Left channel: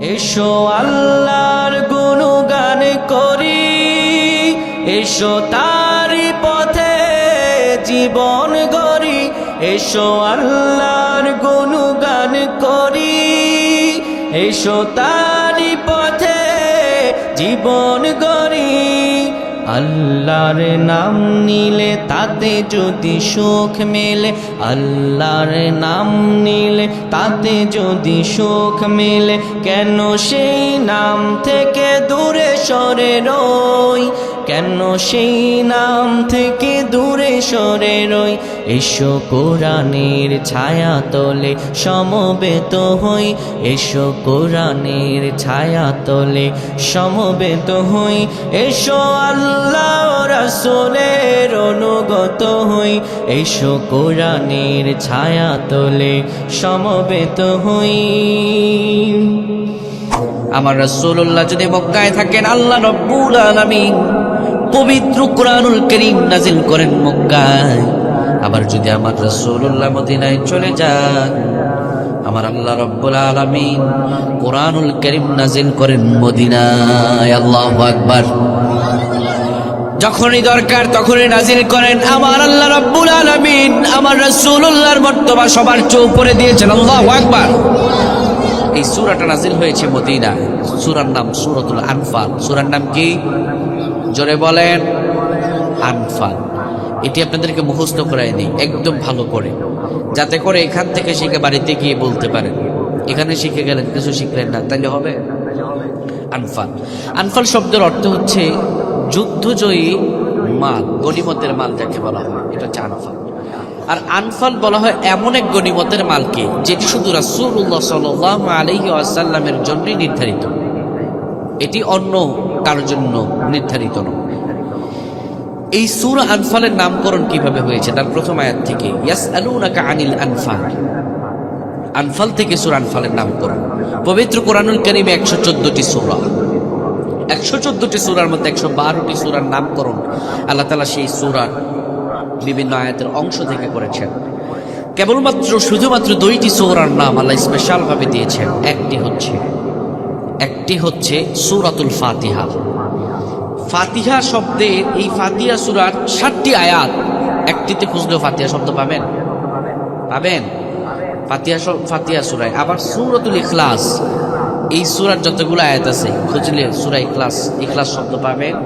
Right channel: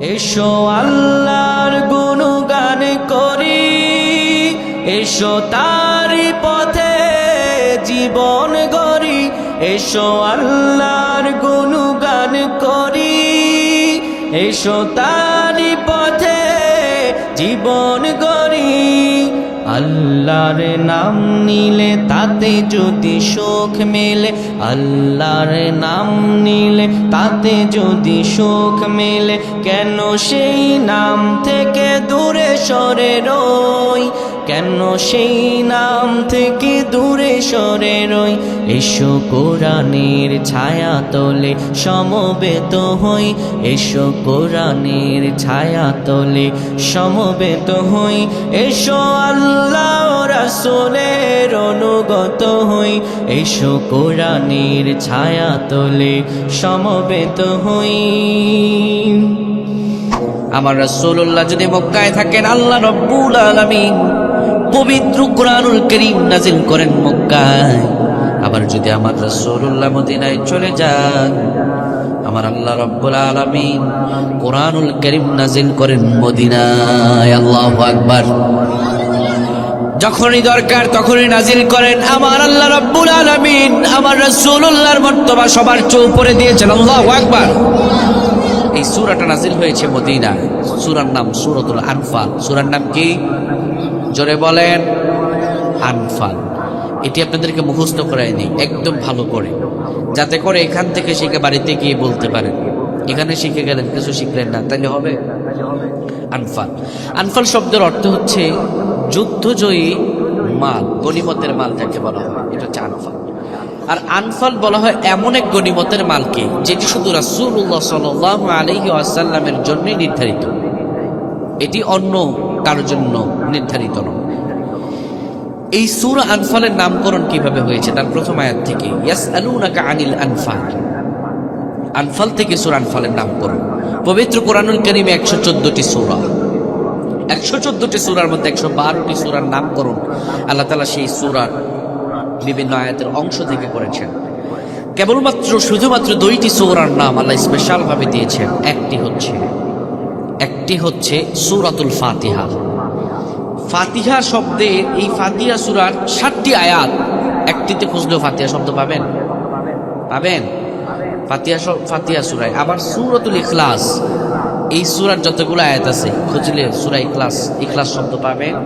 এসো আল্লাহর গুণগান করি, এসো তারি পথে জীবন গড়ি। এসো আল্লাহর গুণগান করি, এসো তারি পথে জীবন গড়ি। আল্লাহর নাম নিলে তাতে যদি সুখ মেলে, আল্লাহর নাম নিলে তাতে যদি সুখ মেলে, কেন সেই নাম থেকে দূরে সরে রই, কেন সেই নাম থেকে দূরে সরে রই। এসো কোরআনের ছায়া তলে সমবেত হই, এসো কোরআনের ছায়া তলে সমবেত হই। এসো আল্লাহ রাসূলের অনুগত হই, এসো কোরআনের ছায়া তলে সমবেত হই। আমার রাসূলুল্লাহ যদি মক্কায় থাকেন, আল্লাহ রাব্বুল আলামিন পবিত্র কোরআনুল কারীম নাজিল করেন মক্কায়। আবার যদি আমার রাসূলুল্লাহ মদিনায় চলে যান, আমার আল্লাহ রাব্বুল আলামিন কোরআনুল কারীম নাজিল করেন মদিনায়। আল্লাহু আকবার। যখনই দরকার তখনই নাজিল করেন আমার আল্লাহ রাব্বুল আলামিন। আমার রাসূলুল্লাহর মর্তবা সবার চেয়ে উপরে দিয়েছেন। আল্লাহু আকবার। এই সূরাটা নাজিল হয়েছে মদিনায়। সূরার নাম সূরাতুল আনফাল। সূরার নাম কি? জোরে বলেন। আনফাল। এটি আপনাদেরকে মুখস্থ করাই নেই, একদম ভালো করে, যাতে করে এখান থেকে শিখে বাড়িতে গিয়ে বলতে পারেন এখানে শিখে গেলেন কিছু শিখলেন না, তাইলে হবে। আনফাল। আনফাল শব্দের অর্থ হচ্ছে যুদ্ধজয়ী মাল, গনিমতের মাল যাকে বলা হয়, এটা হচ্ছে আনফাল। আর আনফাল বলা হয় এমন এক গনিমতের মালকে যেটি শুধু রাসূলুল্লাহ সাল্লাল্লাহু আলাইহি ওয়াসাল্লামের জন্যই নির্ধারিত, এটি অন্য কারোর জন্য নির্ধারিত নয়। এই সূরা আনফালের নামকরণ কিভাবে হয়েছে তার প্রথম আয়াত থেকে, ইয়াসআলুনাকা আনিল আনফাল। আনফাল থেকে সূরা আনফালের নামকরণ। পবিত্র কোরআনুল কারীমে 114টি সূরা, 114টি সূরার মধ্যে 112টি সূরার নামকরণ আল্লাহ তাআলা সেই সূরার বিভিন্ন আয়াতের অংশ থেকে করেছেন। কেবলমাত্র শুধুমাত্র 2টি সূরার নাম আল্লাহ স্পেশাল ভাবে দিয়েছেন। একটি হচ্ছে সূরাতুল ফাতিহা। ফাতিহা শব্দের, এই ফাতিহা সূরার 7টি আয়াত, একটিতে খুঁজলেও ফাতিহা শব্দ পাবেন। ফাতিহা সূরায়। আবার সূরাতুল ইখলাস, এই সূরার যতগুলো আয়াত আছে খুঁজলে সূরা ইখলাস শব্দ পাবেন।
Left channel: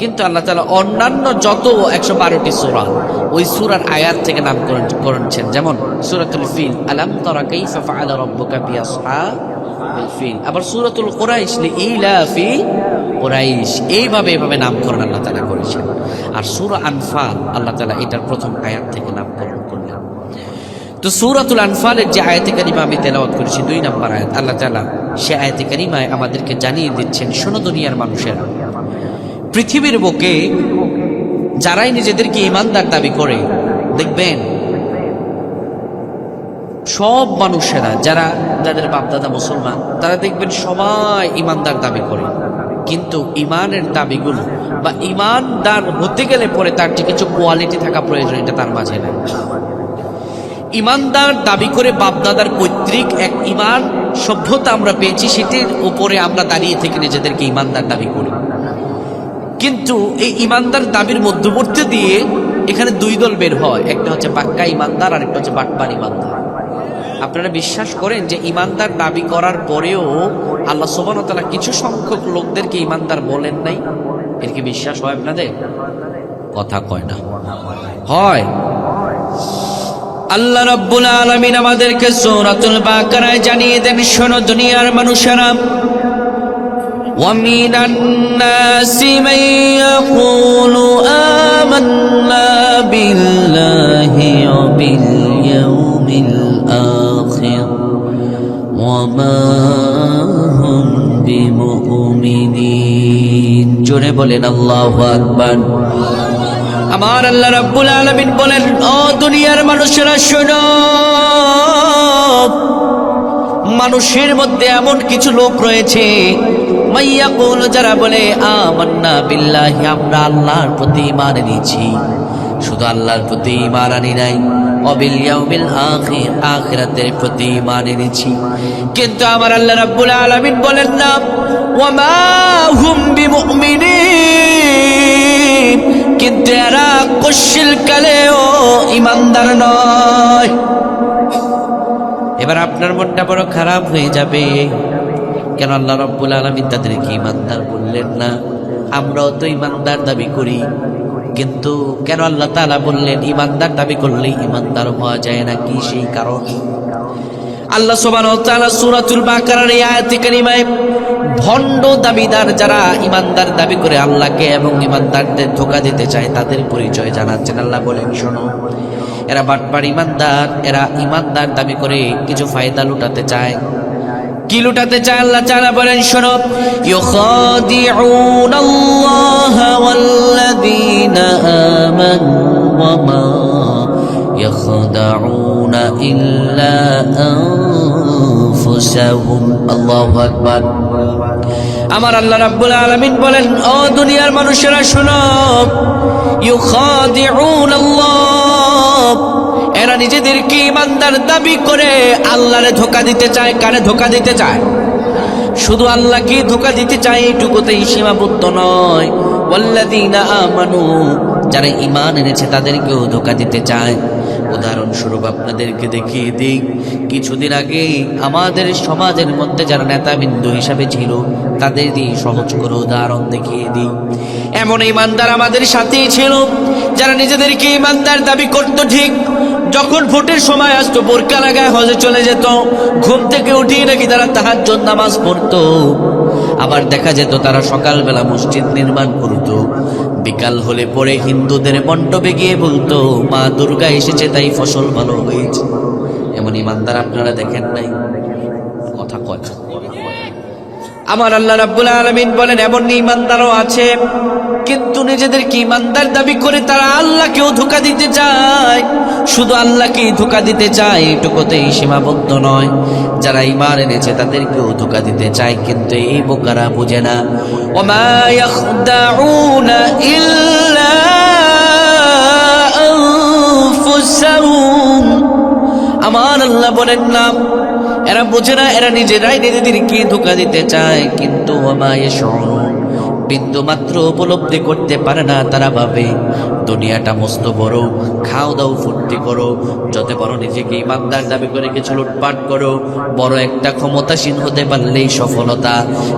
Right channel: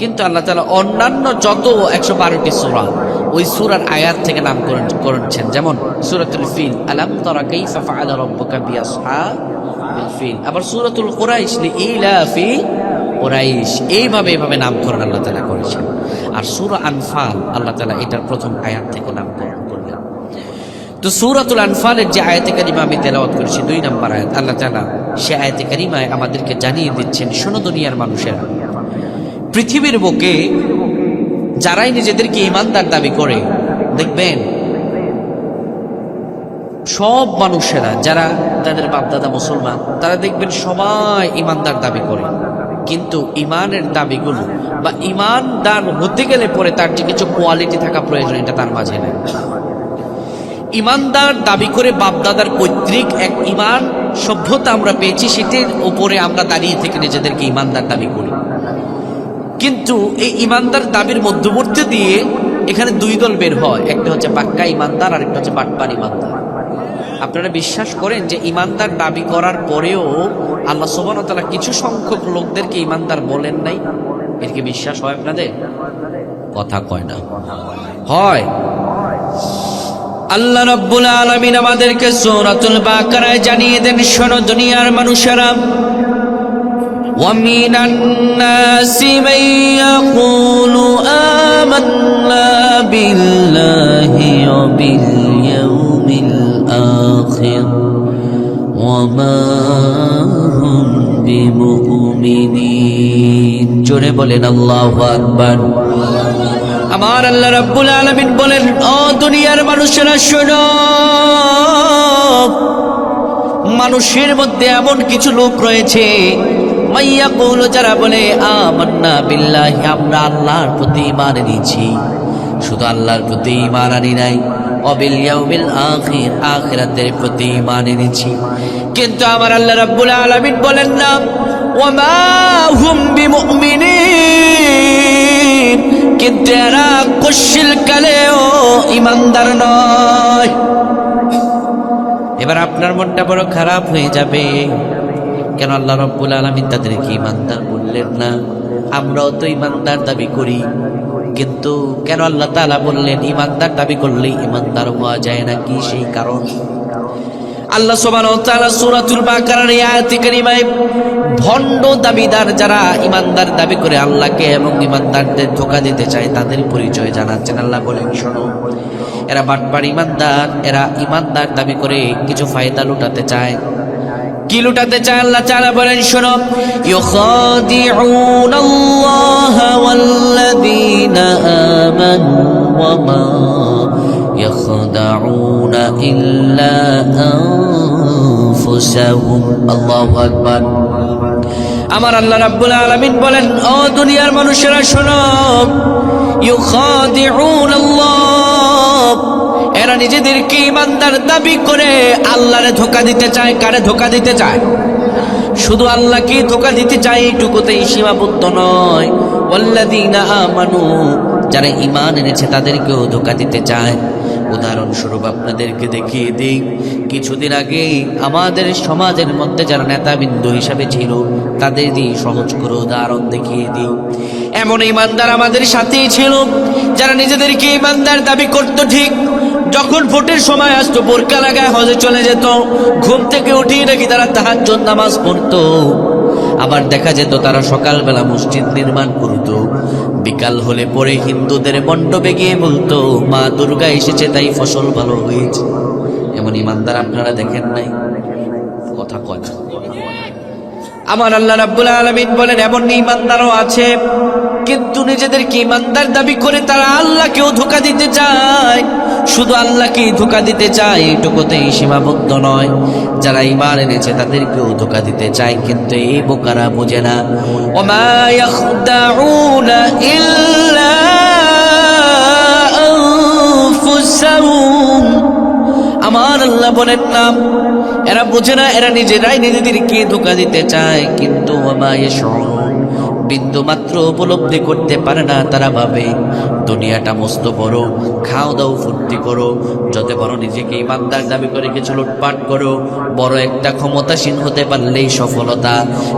কিন্তু আল্লাহ তাআলা অন্যান্য যত 112টি সূরা, ওই সূরার আয়াত থেকে নামকরণ করেছেন। যেমন সূরাতুল ফিল, আলাম তারা কাইফা ফাআলা রাব্বুকা বিআসহাবিল ফিল। আবার সূরাতুল কুরাইশ, লিইলাফি কুরাইশ। এইভাবে নামকরণ আল্লাহ তাআলা করেছেন। আর সূরা আনফাল আল্লাহ তাআলা এটার প্রথম আয়াত থেকে নামকরণ করলেন। তো সূরাতুল আনফালের যে আয়াতে কারিমা আমি তেলাওয়াত করেছি, 2 নম্বর আয়াত, আল্লাহ তাআলা সে আয়াতে কারিমায় আমাদেরকে জানিয়ে দিচ্ছেন, শোনো দুনিয়ার মানুষেরা, পৃথিবীর বুকে যারাই নিজেদেরকে ঈমানদার দাবি করে, দেখবেন সব মানুষেরা যাদের বাপদাদা মুসলমান, তারা দেখবেন সবাই ঈমানদার দাবি করে, কিন্তু ঈমানের দাবিগুলো বা ঈমানদার হতে গেলে পরে তার যে কিছু কোয়ালিটি থাকা প্রয়োজন, এটা তার মাঝে নাই। ঈমানদার দাবি করে বাপদাদার পৈতৃক এক ঈমান সভ্যতা আমরা পেয়েছি, সেটির উপরে আমরা দাঁড়িয়ে থেকে নিজেদেরকে ঈমানদার দাবি করি। কিন্তু এই ঈমানদার দাবির মধ্যবর্তী দিয়ে এখানে 2 দল বের হয়, একটা হচ্ছে পাক্কা ঈমানদার আর একটা হচ্ছে বাটপার ঈমানদার। আপনারা বিশ্বাস করেন যে ঈমানদার দাবি করার পরেও আল্লাহ সুবহানাহু ওয়া তাআলা কিছু সংখ্যক লোকদেরকে ঈমানদার বলেন নাই? এর কি বিশ্বাস হয় আপনাদের? কথা কয় না। হয়। আল্লাহ রাব্বুল আলামিন আমাদেরকে সূরাতুল বাকারায় জানিয়ে দেন, শোনো দুনিয়ার মানুষেরা, وَمِنَ النَّاسِ مَن يَقُولُ آمَنَّا بِاللَّهِ وَبِالْيَوْمِ الْآخِرِ وَمَا هُمْ بِمُؤْمِنِينَ। জোরে বলেন আল্লাহু আকবার। আমার আল্লাহ রাব্বুল আলামিন বলেন, ও দুনিয়ার মানুষেরা শোনো, মানুষের মধ্যে এমন কিছু লোক রয়েছে, মাইয়াকুল, যারা বলে আমান্না বিল্লাহি, আমরা আল্লাহর প্রতি ঈমান এনেছি, শুধু আল্লাহর প্রতি ঈমান আনি নাই, ওয়াবিল ইয়াউমিল আখির, আখিরাতের প্রতি ঈমান এনেছি। কিন্তু আমার আল্লাহ রাব্বুল আলামিন বলেন না, ওয়ামা হুম বিমুমিনিন, কিন্তু এরা কুশিল কালেও ঈমানদার নয়। এবার আপনার মনটা বড় খারাপ হয়ে যাবে, কেন আল্লাহ রাব্বুল আলামিন তাদেরকে ঈমানদার বললেন না? আমরাও তো ঈমানদার দাবি করি, কিন্তু কেন আল্লাহ তাআলা বললেন ঈমানদার দাবি করলে ঈমানদার হওয়া যায় না? কি সেই কারণ? আল্লাহ সুবহানাহু ওয়া তাআলা সূরাতুল বাকারার এই আয়াতে কারিমায় ভণ্ড দাবিদার যারা ঈমানদার দাবি করে আল্লাহকে এবং ঈমানদারদের ধোঁকা দিতে চায় তাদের পরিচয় জানাচ্ছেন। আল্লাহ বলেন, শোনো, এরা বাটপার ঈমানদার, এরা ঈমানদার দাবি করে কিছু ফায়দা লুটাতে চায়। কি লুটাতে চায়? আল্লাহ তাআলা বলেন, শোনো, ইউখাদিউনাল্লাহা ওয়াল্লাযীনা আমানু ওয়া মা ইয়াখদাউনা ইল্লা আনফুসাহুম। আল্লাহু আকবার। আমার আল্লাহ রাব্বুল আলামিন বলেন, ও দুনিয়ার মানুষেরা শোনো, ইউখাদিউনাল্লাহ, এরা নিজেদেরকে ঈমানদার দাবি করে আল্লাহরে ধোঁকা দিতে চায়। কারে ধোঁকা দিতে চায়? শুধু আল্লাহকে ধোঁকা দিতে চায় এইটুকুতেই সীমাবদ্ধ নয়, ওয়াল্লাযীনা আমানু, যারা ঈমান এনেছে তাদেরকেও ধোঁকা দিতে চায়। উদাহরণস্বরূপ আপনাদেরকে দেখিয়ে দিই, কিছুদিন আগে আমাদের সমাজের মধ্যে যারা নেতাবিন্দু হিসাবে ছিল তাদের দিয়ে সহজ করে উদাহরণ দেখিয়ে দিই। এমন ঈমানদার আমাদের সাথেই ছিল যারা নিজেদেরকে ঈমানদার দাবি করত, ঠিক যখন ভোটের সময় আসতো বোরকা লাগায় হজে চলে যেত, ঘুম থেকে উঠিয়ে নাকি তারা তাহাজ্জুদ নামাজ পড়তো। আবার দেখা যেত তারা সকালবেলা মসজিদ নির্মাণ করত, বিকাল হলে পরে হিন্দুদের মণ্ডপে গিয়ে বলতো মা দুর্গা এসেছে তাই ফসল ভালো হয়েছে। এমন ঈমানদার আপনারা দেখেন নাই? কথা কয় না। আমার আল্লাহ রাব্বুল আলামিন বলেন, এমন ঈমানদারও আছে, কিন্তু নিজেদেরকে ঈমানদার দাবি করে তারা আল্লাহকেও ধোঁকা দিতে চায়। শুধু আল্লাহকেই ধোঁকা দিতে চায় এটুকুতেই সীমাবদ্ধ নয়, যারা ঈমান এনেছে তাদেরকেও ধোঁকা দিতে চায়। কিন্তু এই বোকারা বোঝে না, ওমা ইয়াখদাউনা ইল্লা আনফুসাহুম। আমার আল্লাহ বলেন না, এরা বোঝে না, এরা নিজেরাই নিজেদেরকে ধোঁকা দিতে চায়। কিন্তু ওমা ইয়াশউরুন, বিন্দু মাত্র উপলব্ধি করতে পারে না। তারা ভাবে দুনিয়াটা মস্ত বড়, খাও দাও ফুর্তি করো, যত পারো নিজেকে ঈমানদার দাবি করে কিছু লুটপাট করো, বড় একটা ক্ষমতাসীন হতে পারলেই সফলতা।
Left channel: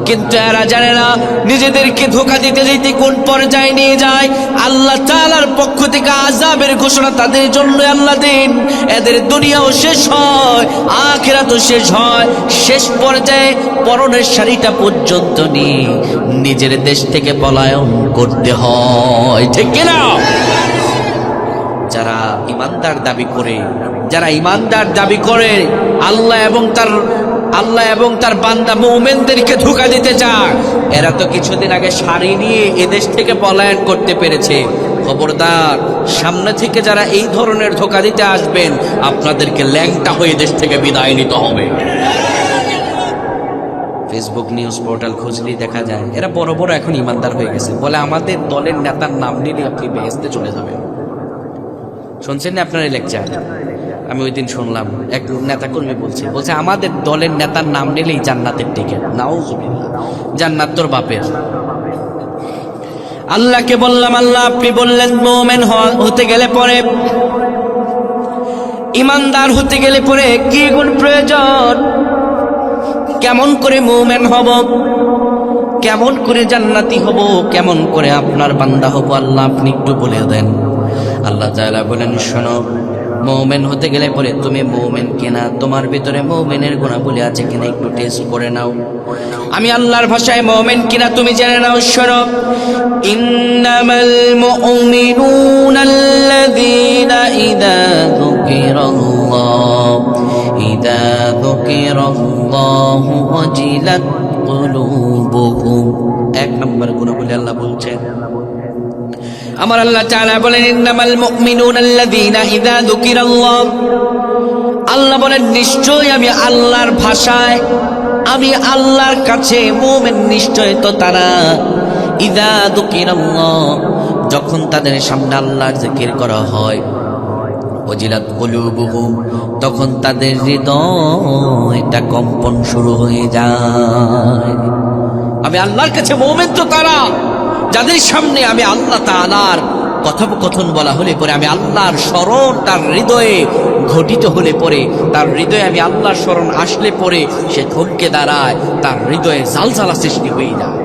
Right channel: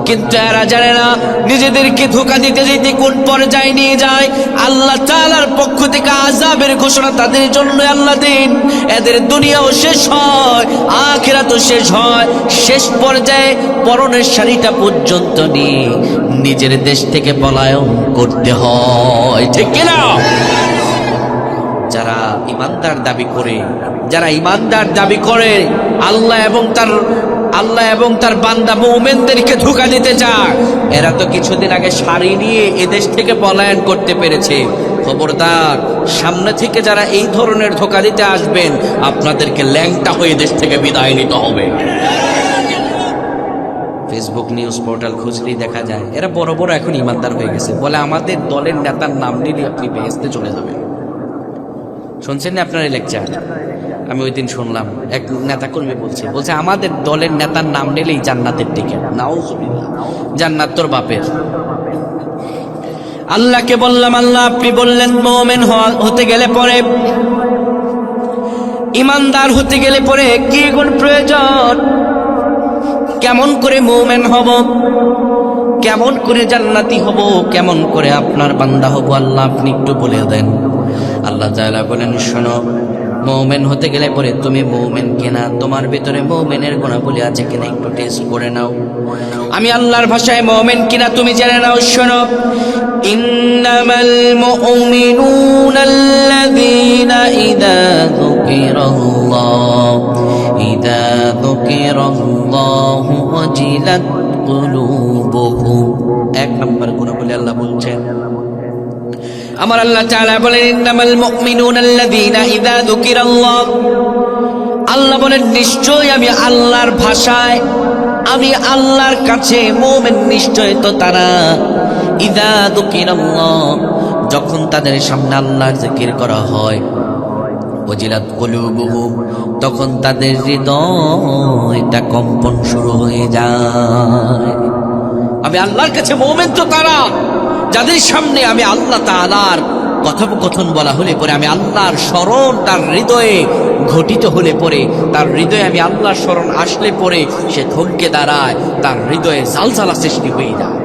কিন্তু এরা জানে না নিজেদেরকে ধোঁকা দিতে দিতে কোন পর্যায়ে নিয়ে যায়। আল্লাহ তাআলার পক্ষ থেকে আযাবের ঘোষণা তাদের জন্য আল্লাহ দেন। এদের দুনিয়াও শেষ হয়, আখিরাতও শেষ হয়। শেষ পর্যায়ে পরনের শাড়িটা পর্যন্ত নিয়ে নিজের দেশ থেকে পলায়ন করতে হয়, ঠিক কিনা? যারা ঈমানদার দাবি করে, যারা ঈমানদার দাবি করে আল্লাহ এবং তার বান্দা মুমিনদেরকে ধোঁকা দিতে চায়, এরা তো কিছুদিন আগে শাড়ি নিয়ে এদেশ থেকে পলায়ন করতে পেরেছে। খবরদার, সামনে থেকে যারা এই ধরনের ধোঁকা দিতে আসবেন আপনাদেরকে ল্যাংটা হয়ে দেশ থেকে বিদায় নিতে হবে। ফেসবুক নিউজ পোর্টাল খুঁজলেই দেখা যায় এরা বড় বড় এখন ঈমানদার হয়ে গেছে। বলে আমাদের দলের নেতার নাম নিলে আপনি বেহেশতে চলে যাবেন। শুনছেন না আপনার এই লেকচার? আমি ওই দিন শুনলাম এক নেতা কর্মী বলছে আমাদের দলের নেতার নাম নিলেই জান্নাতের টিকিট। নাউজুবিল্লাহ, জান্নাত তোর বাপের। আল্লাহকে বললাম, আল্লাহ আপনি বললেন মুমিন হতে গেলে পরে, ঈমানদার হতে গেলে পরে কি গুণ প্রয়োজন? কেমন করে মুমিন হব, কেমন করে জান্নাতি হব, কেমন করে আপনার বান্দা হব? আল্লাহ আপনি একটু বলে দেন। আল্লাহ তাআলা বলেন, শোনো, মুমিন হতে গেলে পরে তুমি মুমিন কিনা, তোমার ভিতরে মুমিনের গুণাবলী আছে কিনা একটু টেস্ট করে নাও। আমি আল্লাহর ভাষায় মুমিন কিনা তুমি জেনে নাও। শোনো, ইন্নামাল মুমিনুনা আল্লাযীনা ইযা যুকিরাল্লাহু ওয়াজিলাত কুলুবুহুম। এক নম্বর গুণাবলী আল্লাহ বলছেন। আমার আল্লাহ তাআলা বলেন, ইন্নামাল মুমিনুনা আল্লাযীনা ইযা যুকিরাল্লাহ। আল্লাহ বলেন, নিশ্চয় আমি আল্লাহর ভাষায়, আমি আল্লাহর কাছে মুমিন নিশ্চয় তো তারা, ইযা যুকিরাল্লাহ, যখন তাদের সামনে আল্লাহর জিকির করা হয়, ওয়াজিলাত কুলুবুহুম, তখন তাদের হৃদয়টা কম্পন শুরু হয়ে যায়। আমি আল্লাহর কাছে মুমিন তো তারা যাদের সামনে আমি আল্লাহ তাআলার কথোপকথন বলা হলে পরে, আমি আল্লাহর স্মরণ তার হৃদয়ে ঘটিত হলে পরে, তার হৃদয়ে আমি আল্লাহর স্মরণ আসলে পরে সে থমকে দাঁড়ায়, তার হৃদয়ে জালজালা সৃষ্টি হয়ে যায়।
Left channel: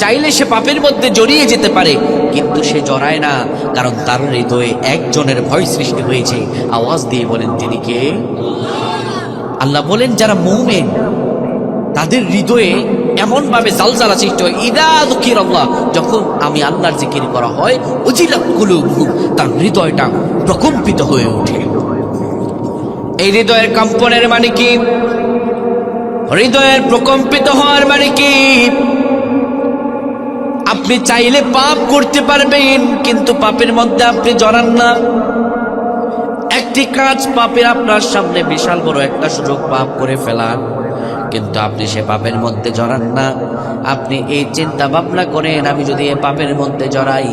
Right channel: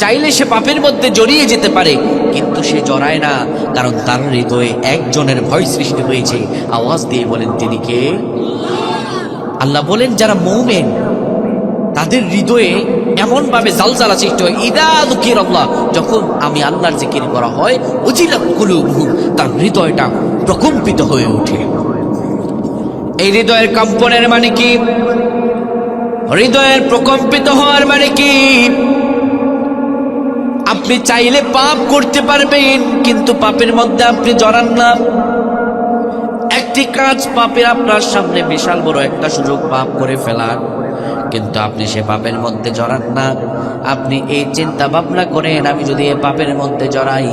চাইলে সে পাপের মধ্যে জড়িয়ে যেতে পারে, কিন্তু সে জড়ায় না, কারণ তার হৃদয়ে একজনের ভয় সৃষ্টি হয়েছে। আওয়াজ দিয়ে বলেন তিনি কে? আল্লাহ বলেন যারা মুমিন তাদের হৃদয়ে এমন ভাবে জালজালা সৃষ্টি হয়, ইদা যুকিরাল্লাহ, যখন আমি আল্লাহর জিকির করা হয়, ওয়াজিলাত কুলুবুহুম, তার হৃদয়টা প্রকম্পিত হয়ে ওঠে। এই হৃদয়ের কম্পনের মানে কি? হৃদয়ের প্রকম্পিত হওয়ার মানে কি? আপনি চাইলে পাপ করতে পারবেন, কিন্তু পাপের মধ্যে আপনি জড়ান না। একটি কাজ পাপের আপনার সামনে বিশাল বড় একটা সুযোগ, পাপ করে ফেলার, কিন্তু আপনি সে পাপের মধ্যে জড়ান না। আপনি এই চিন্তা ভাবনা করেন, আমি যদি এই পাপের মধ্যে জড়াই,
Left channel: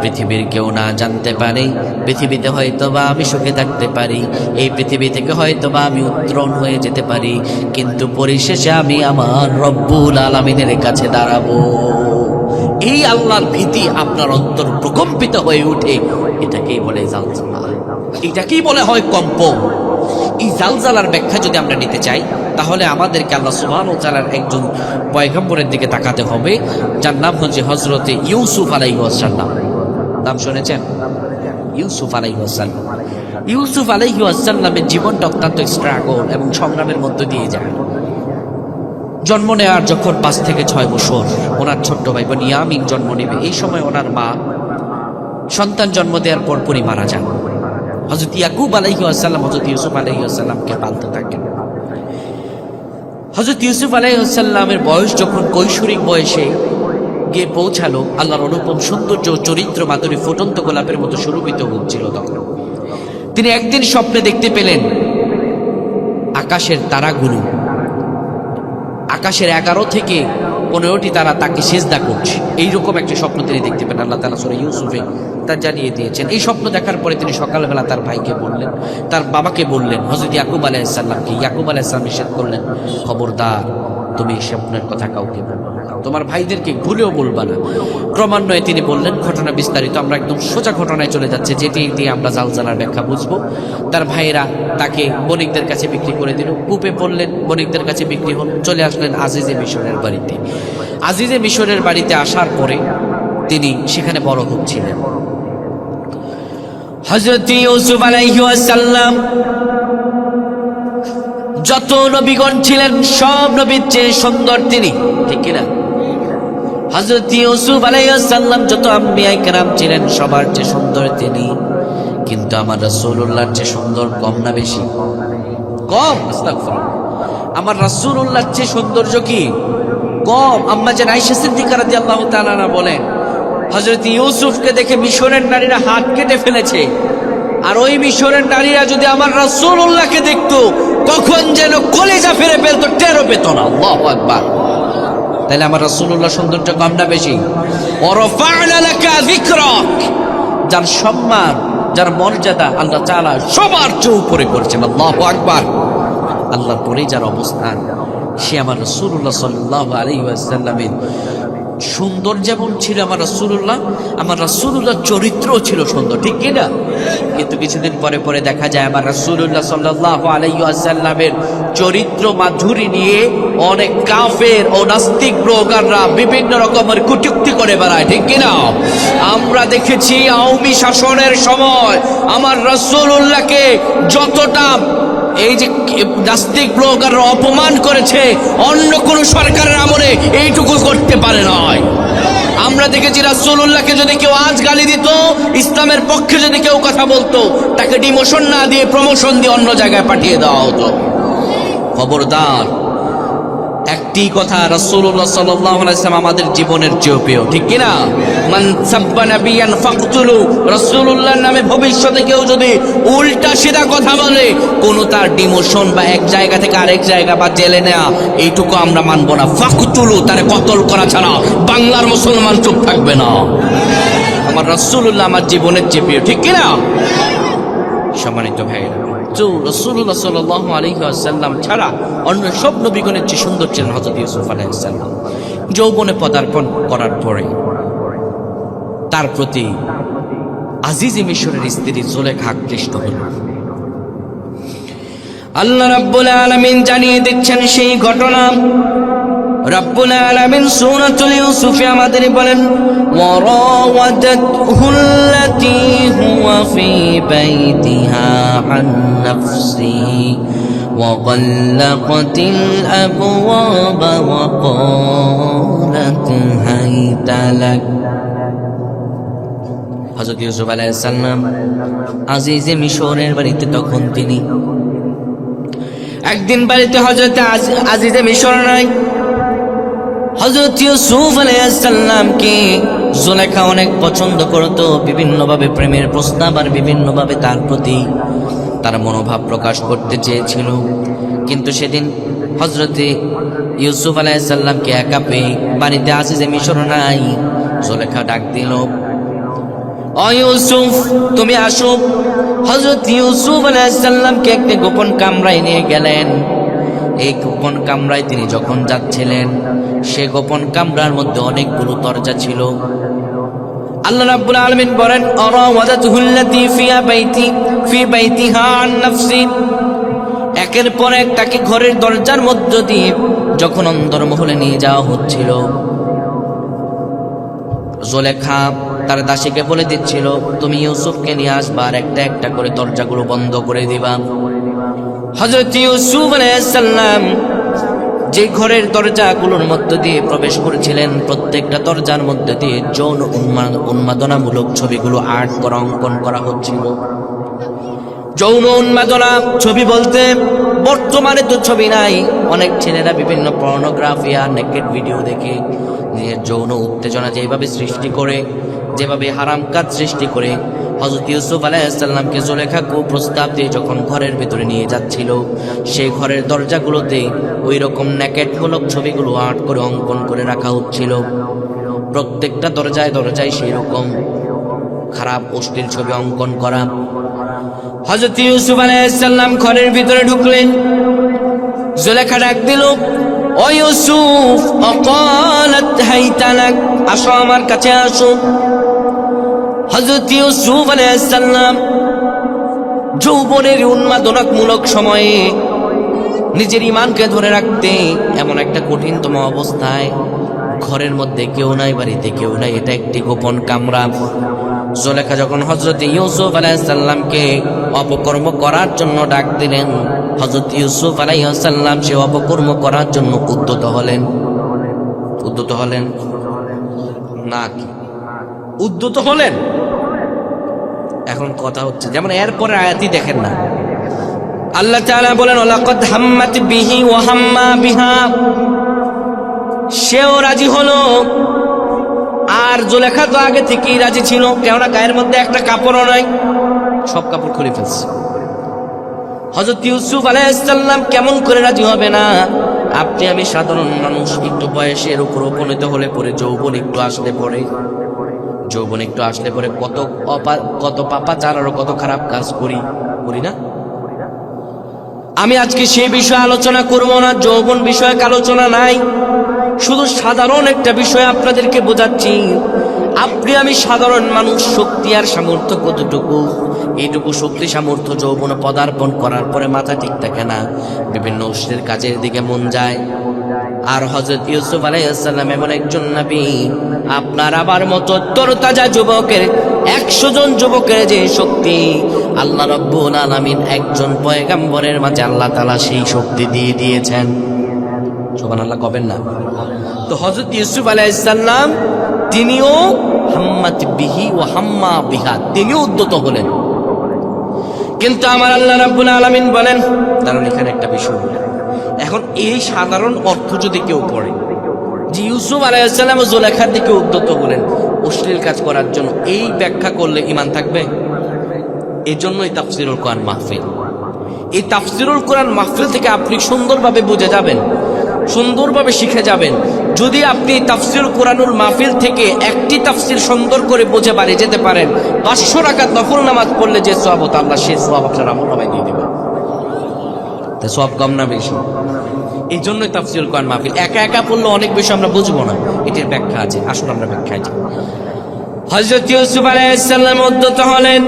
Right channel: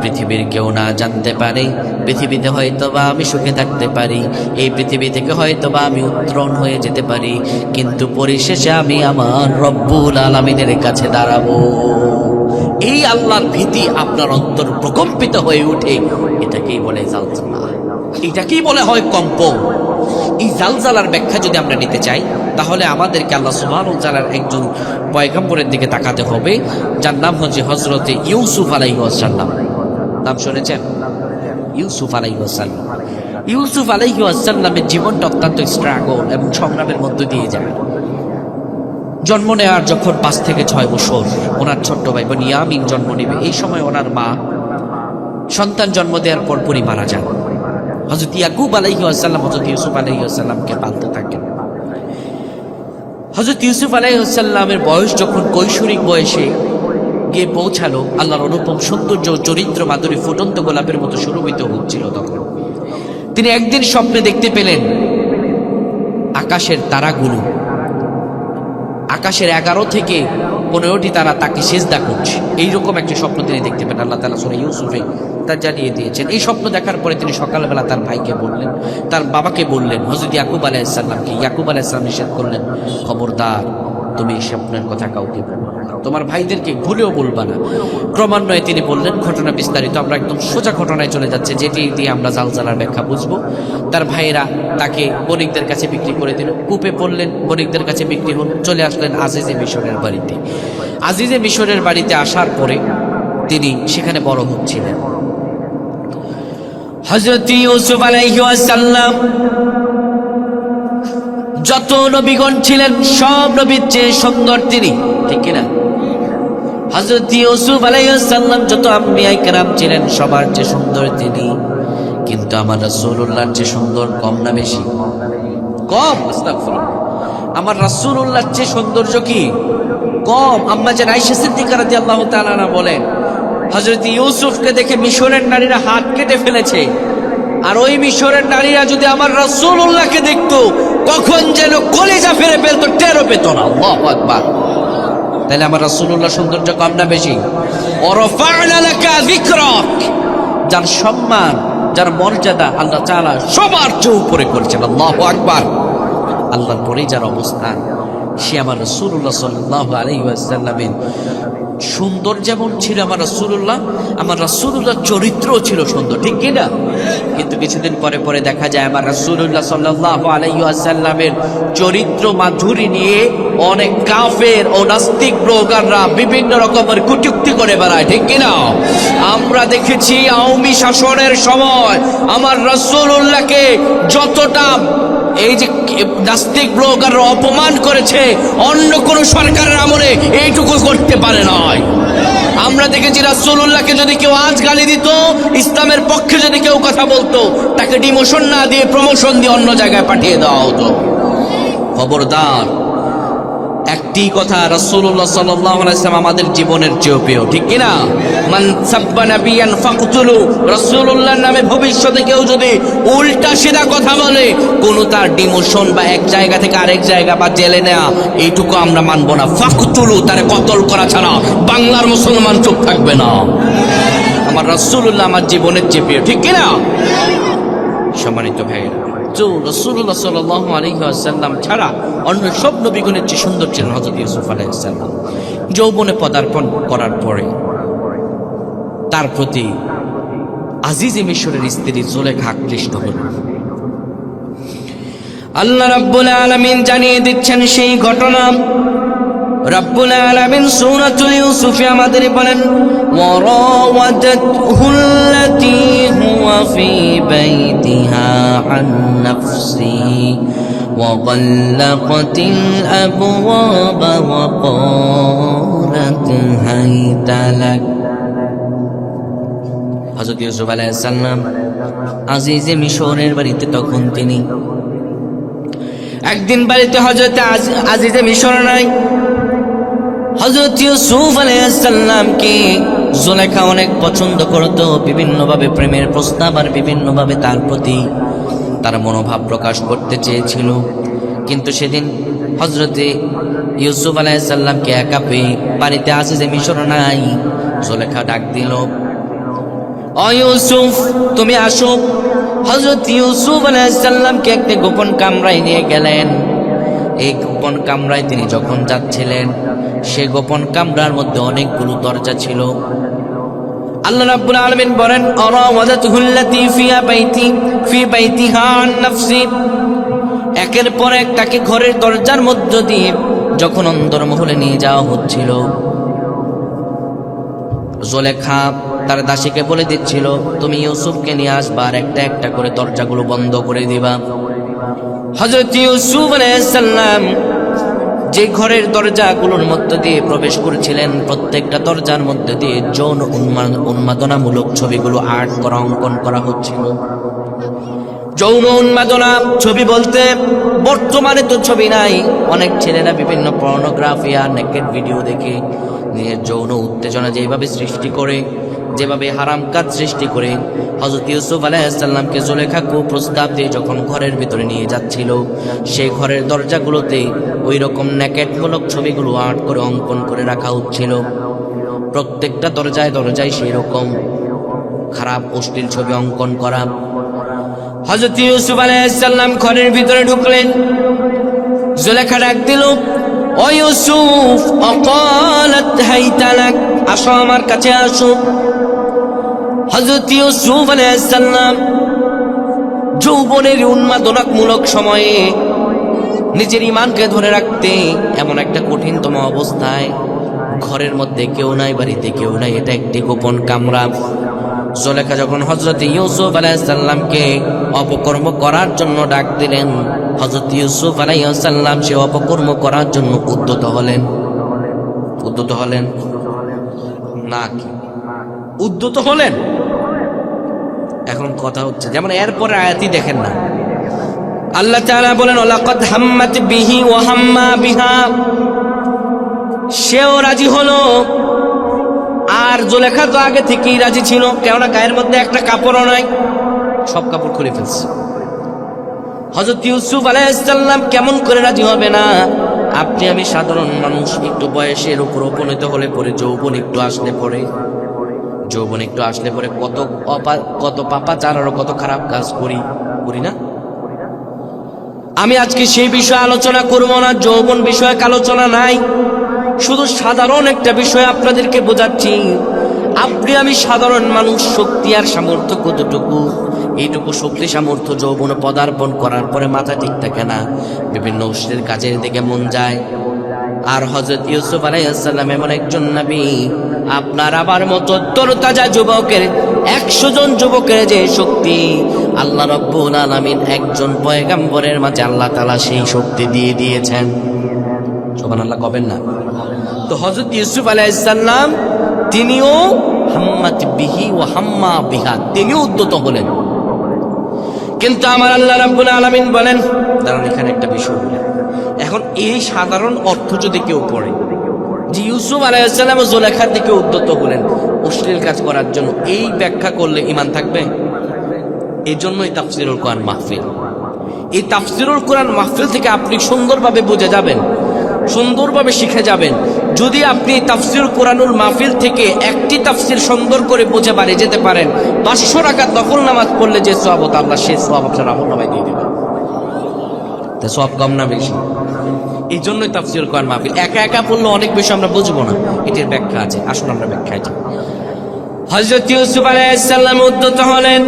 পৃথিবীর কেউ না জানতে পারে, পৃথিবীতে হয়তোবা আমি সুখে থাকতে পারি, এই পৃথিবী থেকে হয়তোবা আমি উত্তরণ হয়ে যেতে পারি, কিন্তু পরিশেষে আমি আমার রব্বুল আলামিনের কাছে দাঁড়াবো। এই আল্লাহর ভীতি আপনার অন্তর প্রকম্পিত হয়ে উঠে, এটাকেই বলে জালজালা, এটাকেই বলে হয় কম্পন। এই জালজালার ব্যাখ্যা যদি আমরা নিতে চাই, তাহলে আমাদেরকে আল্লাহ সুবহানাহু ওয়া তাআলার একজন পয়গম্বরের দিকে তাকাতে হবে, যার নাম হচ্ছে হযরতে ইউসুফ আলাইহিস সালাম। নাম শুনেছেন? ইউসুফ আলাইহিস সালাম। ইউসুফ আলাইহিস সালামের জীবনটা অত্যন্ত স্ট্রাগল এবং সংগ্রামের মধ্য দিয়ে যায়। জন্ম নেওয়ার যখন 5 থেকে 6 বছর, ওনার ছোট্ট ভাই বনিয়ামিন জন্ম নেবে, এই সময় ওনার মা সন্তান জন্ম দেওয়ার পরপরই মারা যান। হযরত ইয়াকুব আলাইহিস সালাম হযরত ইউসুফ আলাইহিস সালামকে পালতে থাকেন। হযরত ইউসুফ আলাইহিস সালামের বয়স যখন কৈশোরিক বয়সে গিয়ে পৌঁছালো, আল্লাহর অনুপম সৌন্দর্য ও চরিত্র মাধুরী ফুটন্ত গোলাপের মতো সুরভিত হচ্ছিল, তখন তিনি একদিন স্বপ্নে দেখতে পেলেন আকাশের তারাগুলো, আকাশের 11 থেকে 15টি তারা তাকে সিজদা করছে। এইরকম একটি স্বপ্ন তিনি দেখতে পেলেন। আল্লাহ তাআলা সূরা ইউসুফে তা জানিয়ে দিয়েছেন। এই স্বপ্ন দেখার পরে তিনি সকালবেলা তার ভাইকে বললেন, তার বাবাকে বললেন, হযরত ইয়াকুব আলাইহিস সালামকে। ইয়াকুব আলাইহিস সালাম নিষেধ করলেন, খবরদার তুমি এই স্বপ্নের কথা কাউকে বলো না, তোমার ভাইদেরকে ভুলেও বলবা না। ক্রমান্বয়ে তিনি বললেন, ঘটনা বিস্তারিত, আমরা একদম সোজা ঘটনায় চলে যাচ্ছে, যেটি দিয়ে আমরা জালজালার ব্যাখ্যা বুঝবো। তার ভাইয়েরা তাকে বণিকদের কাছে বিক্রি করে দিল, কূপে পড়লেন, বণিকদের কাছে বিক্রি হলো, চলে আসলেন আজিজে মিশরের বাড়িতে। আজিজে মিশরের বাড়িতে আসার পরে তিনি সেখানে বড় হচ্ছিলেন। হযরত ইউসুফ আলাইহিস সালাম যত নবীগণ ছিলেন সব নবীর চেয়ে সুন্দর তিনি, ঠিক কিনা? হযরত ইউসুফ আলাইহিস সালাম যত আম্বিয়া কেরাম ছিলেন সবার চেয়ে সুন্দর তিনি, কিন্তু আমার রাসূলুল্লাহর চেয়ে সুন্দর কম না বেশি? কম। আস্তাগফিরুল্লাহ। আমার রাসূলুল্লাহর চেয়ে সৌন্দর্য কি কম? আম্মা জান আয়েশা সিদ্দিকা রাদিয়াল্লাহু তাআলা আনহা বলেন, হযরত ইউসুফকে দেখে মিশরের নারীরা হাত কেটে ফেলেছে, আর ওই মিশরের নারীরা যদি আমার রাসূলুল্লাহকে দেখতো, কখন যেন কলিজা ফেরে ফেলতো, টেরও পেত না। আল্লাহু আকবার। তাহলে আমার রাসূলুল্লাহ সৌন্দর্য কম না বেশি? ওয়ারাফা'না লাকা যিকরাক, যার সম্মান, যার মর্যাদা আল্লাহ তাআলা সবার চেয়ে উপরে করেছেন। আল্লাহু আকবার। আল্লাহর পরেই যার অবস্থান, সে আমার রাসূলুল্লাহ সাল্লাল্লাহু আলাইহি ওয়াসাল্লামের সুন্দর যেমন ছিল আমার রাসূলুল্লাহ চরিত্রও ছিল সুন্দর, ঠিক কিনা? কিন্তু কিছুদিন পরে পরে দেখা যায় আমার রাসূলুল্লাহ সাল্লাল্লাহু আলাইহি ওয়াসাল্লামের চরিত্র মাধুরী নিয়ে অনেক কাফের ও নাস্তিক ব্লগাররা বিভিন্ন রকমের কটূক্তি করে বেড়ায়, ঠিক কিনা? আমরা দেখেছি আওয়ামী শাসনের সময় আমার রাসূলুল্লাহকে যতটা এই যে নাস্তিক ব্লগাররা অপমান করেছে, অন্য কোন সরকারের আমলে এইটুকু করতে পারে নাই। আমরা দেখেছি রাসূলুল্লাহকে যদি কেউ আজ গালি দিত, ইসলামের পক্ষে যদি কেউ কথা বলতো, তাকে ডিমোশন না দিয়ে প্রমোশন দিয়ে অন্য জায়গায় পাঠিয়ে দেওয়া হতো। খবরদার, একটি কথা, রাসূলুল্লাহ সাল্লাল্লাহু আলাইহি ওয়াসাল্লাম আমাদের জীবনের চেয়ে প্রিয়, ঠিক কিনা? মান সাব্বা নাবিয়ান ফাকতুলু, রাসূলুল্লাহর নামে ভবিষ্যতে কেউ যদি উল্টা সিধা কথা বলে, কোন তার ডিমোশন বা এক জায়গা থেকে আরেক জায়গা বা জেলে নেওয়া, এইটুকু আমরা মানব না। ফাকতুলু, তারে কতল করা ছাড়া বাংলার মুসলমান চুপ থাকবে না। আমার রাসূলুল্লাহ আমার জীবনের চেয়ে প্রিয়, ঠিক কিনা? সম্মানিত ভাইয়েরা, তো রাসূলুল্লাহ সাল্লাল্লাহু আলাইহি ওয়াসাল্লাম ছাড়া অন্য সব নবীগণের চেয়ে সুন্দর ছিলেন হযরত ইউসুফ আলাইহিস সালাম। যৌবনে পদার্পণ করার পরে তার প্রতি আজিজে মিশরের স্ত্রী জুলেখা আকৃষ্ট হল। আল্লাহ রাব্বুল আলামিন জানিয়ে দিচ্ছেন সেই ঘটনা। রাব্বুল আলামিন সূরাতুল ইউসুফে আমাদের বলেন, وراودته التي هو في بيتها عن نفسه وغلقت الأبواب وقالت هيت لك। হযরত ইউসুফ আলাইহিস সালাম আজিজে মিশরের বাড়িতে, তখন তিনি একদিন বাড়িতে হযরত আজিজে মিশর নাই। হযরত ইউসুফ আলাইহিস সালামকে জুলেখা অনেক পছন্দ করত, বিভিন্নভাবে প্রেমের প্রস্তাব আর বিভিন্নভাবে তার প্রতি তার মনোভাব প্রকাশ করতে চেয়েছিল। কিন্তু সেদিন হযরতে ইউসুফ আলাইহিস সালামকে একা পেয়ে বাড়িতে আজিজে মিশর নাই। জুলেখা ডাক দিল, ও ইউসুফ তুমি আসো। হযরত ইউসুফ আলাইহিস সালামকে একটা গোপন কামরায় নিয়ে গেলেন। এই গোপন কামরায় তিনি যখন যাচ্ছিলেন, সে গোপন কামরার মধ্যে অনেকগুলো দরজা ছিল। আল্লাহ রাব্বুল আলামিন বলেন, আরাওয়াদাতুহুল্লাতী ফি বাইতিহা আন নাফসি। একের পর এক তাকে ঘরের দরজার মধ্য দিয়ে যখন অন্দরমহলে নিয়ে যাওয়া হচ্ছিল, জুলেখা তার দাসীকে বলে দিচ্ছিল, তুমি ইউসুফকে নিয়ে আসবা আর একটা একটা করে দরজাগুলো বন্ধ করে দিবা। হযরত ইউসুফ আলাইহিস সালাম যে ঘরের দরজাগুলোর মধ্য দিয়ে প্রবেশ করেছিলেন, প্রত্যেকটা দরজার মধ্যে দিয়ে যৌন উন্মাদনামূলক ছবিগুলো আর্ট করা, অঙ্কন করা হচ্ছিল। যৌন উন্মাদনা ছবি বলতে বর্তমানে তো ছবি নাই, অনেক ছেলেরা বিভিন্ন পর্নোগ্রাফি আর নেকেড ভিডিও দেখে নিজের যৌন উত্তেজনা যেভাবে সৃষ্টি করে, যেভাবে হারাম কাজ সৃষ্টি করে, হযরত ইউসুফ আলাইহিস সালামকে জুলেখা প্রস্তাব দিয়ে যখন ঘরের ভিতরে নিয়ে যাচ্ছিল, সেই ঘরের দরজাগুলোতে ওই রকম নেকেটমূলক ছবিগুলো আর্ট করে অঙ্কন করে রাখা হচ্ছিল। প্রত্যেকটা দরজায় দরজায় সেই রকম খারাপ অশ্লীল ছবি অঙ্কন করা। হযরত ইউসুফ আলাইহিস সালাম ঘরের ভিতরে ঢুকলেন। জুলেখা ডাক দিল, ও ইউসুফ, অকালাত হাইতা লাক, আসো আমার কাছে আসো। হযরত ইউসুফ আলাইহিস সালাম যৌবনের উন্মাদনামূলক সময়ে নিজের ঈমানকে ধরে রাখতে এমন একটা কঠিনতম অবস্থায়, ঘরের মধ্যে কেউ নাই, বাড়িতে কেউ নাই, এটা একটি গোপন কামরা। জুলেখা যখন হযরত ইউসুফ আলাইহিস সালামকে অপকর্ম করার জন্য ডাক দিলেন, হযরত ইউসুফ আলাইহিস সালাম সে অপকর্ম করার জন্য উদ্যত হলেন না কি উদ্যত হলেন? এখন কথা হচ্ছে, যেমন এরপরে আয়াতই দেখেন না, আল্লাহ তাআলা বলেন, ওয়ালাকাদ হাম্মাত বিহি ওয়া হাম্মা বিহা, সেও রাজি হলো। আর জুলেখা তো আগে থেকেই রাজি ছিল, কেননা গায়ের মধ্যে একটা কাপড়ও নাই, সব কাপড় খুলে ফেলছে। হযরত ইউসুফ আলাইহিস সালাম কেমন করে রাজি হবে না? আপনি আমি সাধারণ মানুষ, একটু বয়সের উপর উপনীত হলে পরে যৌবন একটু আসলে পরে কত পাপাচার আর কত খারাপ কাজ করি না? আমি আজকে সেই বিষয়ে আলোচনা করব না, যৌবন বিষয়ক আলোচনা নাই, শুধু সাধারণ একটা বিষয় আপনাদেরকে বোঝাচ্ছি। আপনি আমি সাধারণ মানুষ, শক্তি আর সামর্থ্য কতটুকু, এইটুকু শক্তি সামর্থ্য যৌবন পদার্পণ করার পরে মাথা ঠিক থাকে না, বিভিন্ন অশ্লীল কাজের দিকে মন যায়। আর হযরত ইউসুফ আলাইহিস সালাম এমন একজন নবী, আপনার আবার মতো তরতাজা যুবকের 100 জন যুবকের যে শক্তি, আল্লাহ রাব্বুল আলামিন একজন পয়গম্বরের মাঝে আল্লাহ তাআলা সেই শক্তি দিয়ে দিয়েছেন। সুবহানাল্লাহ কবেন না? তো হযরত ইউসুফ আলাইহিস সালাম তিনিও হাম্মাত বিহি ওয়া হাম্মা বিহা, তিনিও উদ্যত হলেন। কিন্তু আমার আল্লাহ রাব্বুল আলামিন বলেন, দাঁড়ান এখানে একটা বিষয় বলি। এখন এই সাধারণ অর্থ যদি কেউ পড়ে যে ইউসুফ আলাইহিস সালাম ও জুলেখার দিকে উদ্যত হলেন অশ্লীল কাজ করার জন্য, এই ব্যাখ্যা করলে ঈমান থাকবে? এই জন্যই তাফসীরুল কোরআন মাহফিল। এই তাফসীরুল কোরআন মাহফিল থেকে আপনি সুন্দরভাবে বুঝে যাবেন সুন্দরভাবে শিখে যাবেন। যদি আপনি তাফসির কোরআনুল মাহফিল থেকে একটি তাফসির সুন্দর করে বুঝে বাড়ি যেতে পারেন, 500 রাকাত নফল নামাজ পড়লে যে সওয়াব হতো আল্লাহ সেই সওয়াব আপনার আমলনামায় দিয়ে দিবেন। তো সওয়াব কম না বেশি? এই জন্যই তাফসির কোরআন মাহফিল। একা একা পড়লে অনেক বেশি আমরা বুঝবো না, এটির ব্যাখ্যা আছে। আসুন আমরা ব্যাখ্যায় যাই। হযরত ইউসুফ আলাইহিস সালাম উদ্যত হলেন,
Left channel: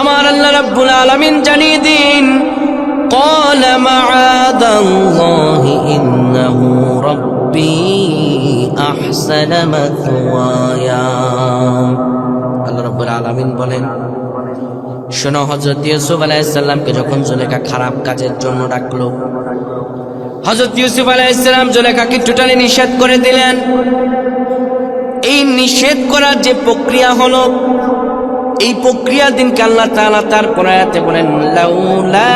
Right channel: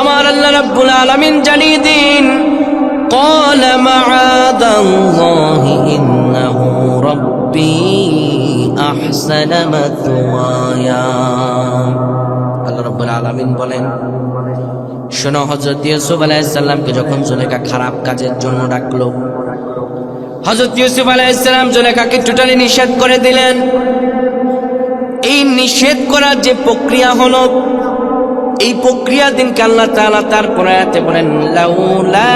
আমার আল্লাহ রাব্বুল আলামিন জানিয়ে দিন, قال معاذ الله إنه ربي أحسن مثوايا। আল্লাহ রাব্বুল আলামিন বলেন, শোনো, হযরত ইউসুফ আলাইহিস সালামকে যখন জুলেখা খারাপ কাজের জন্য ডাকলো, হযরত ইউসুফ আলাইহিস সালাম জুলেখাকে টোটালি নিষেধ করে দিলেন। এই নিষেধ করার যে প্রক্রিয়া হলো, এই প্রক্রিয়া দিনকে আল্লাহ তাআলা তার আয়াতে বলেন, লাউলা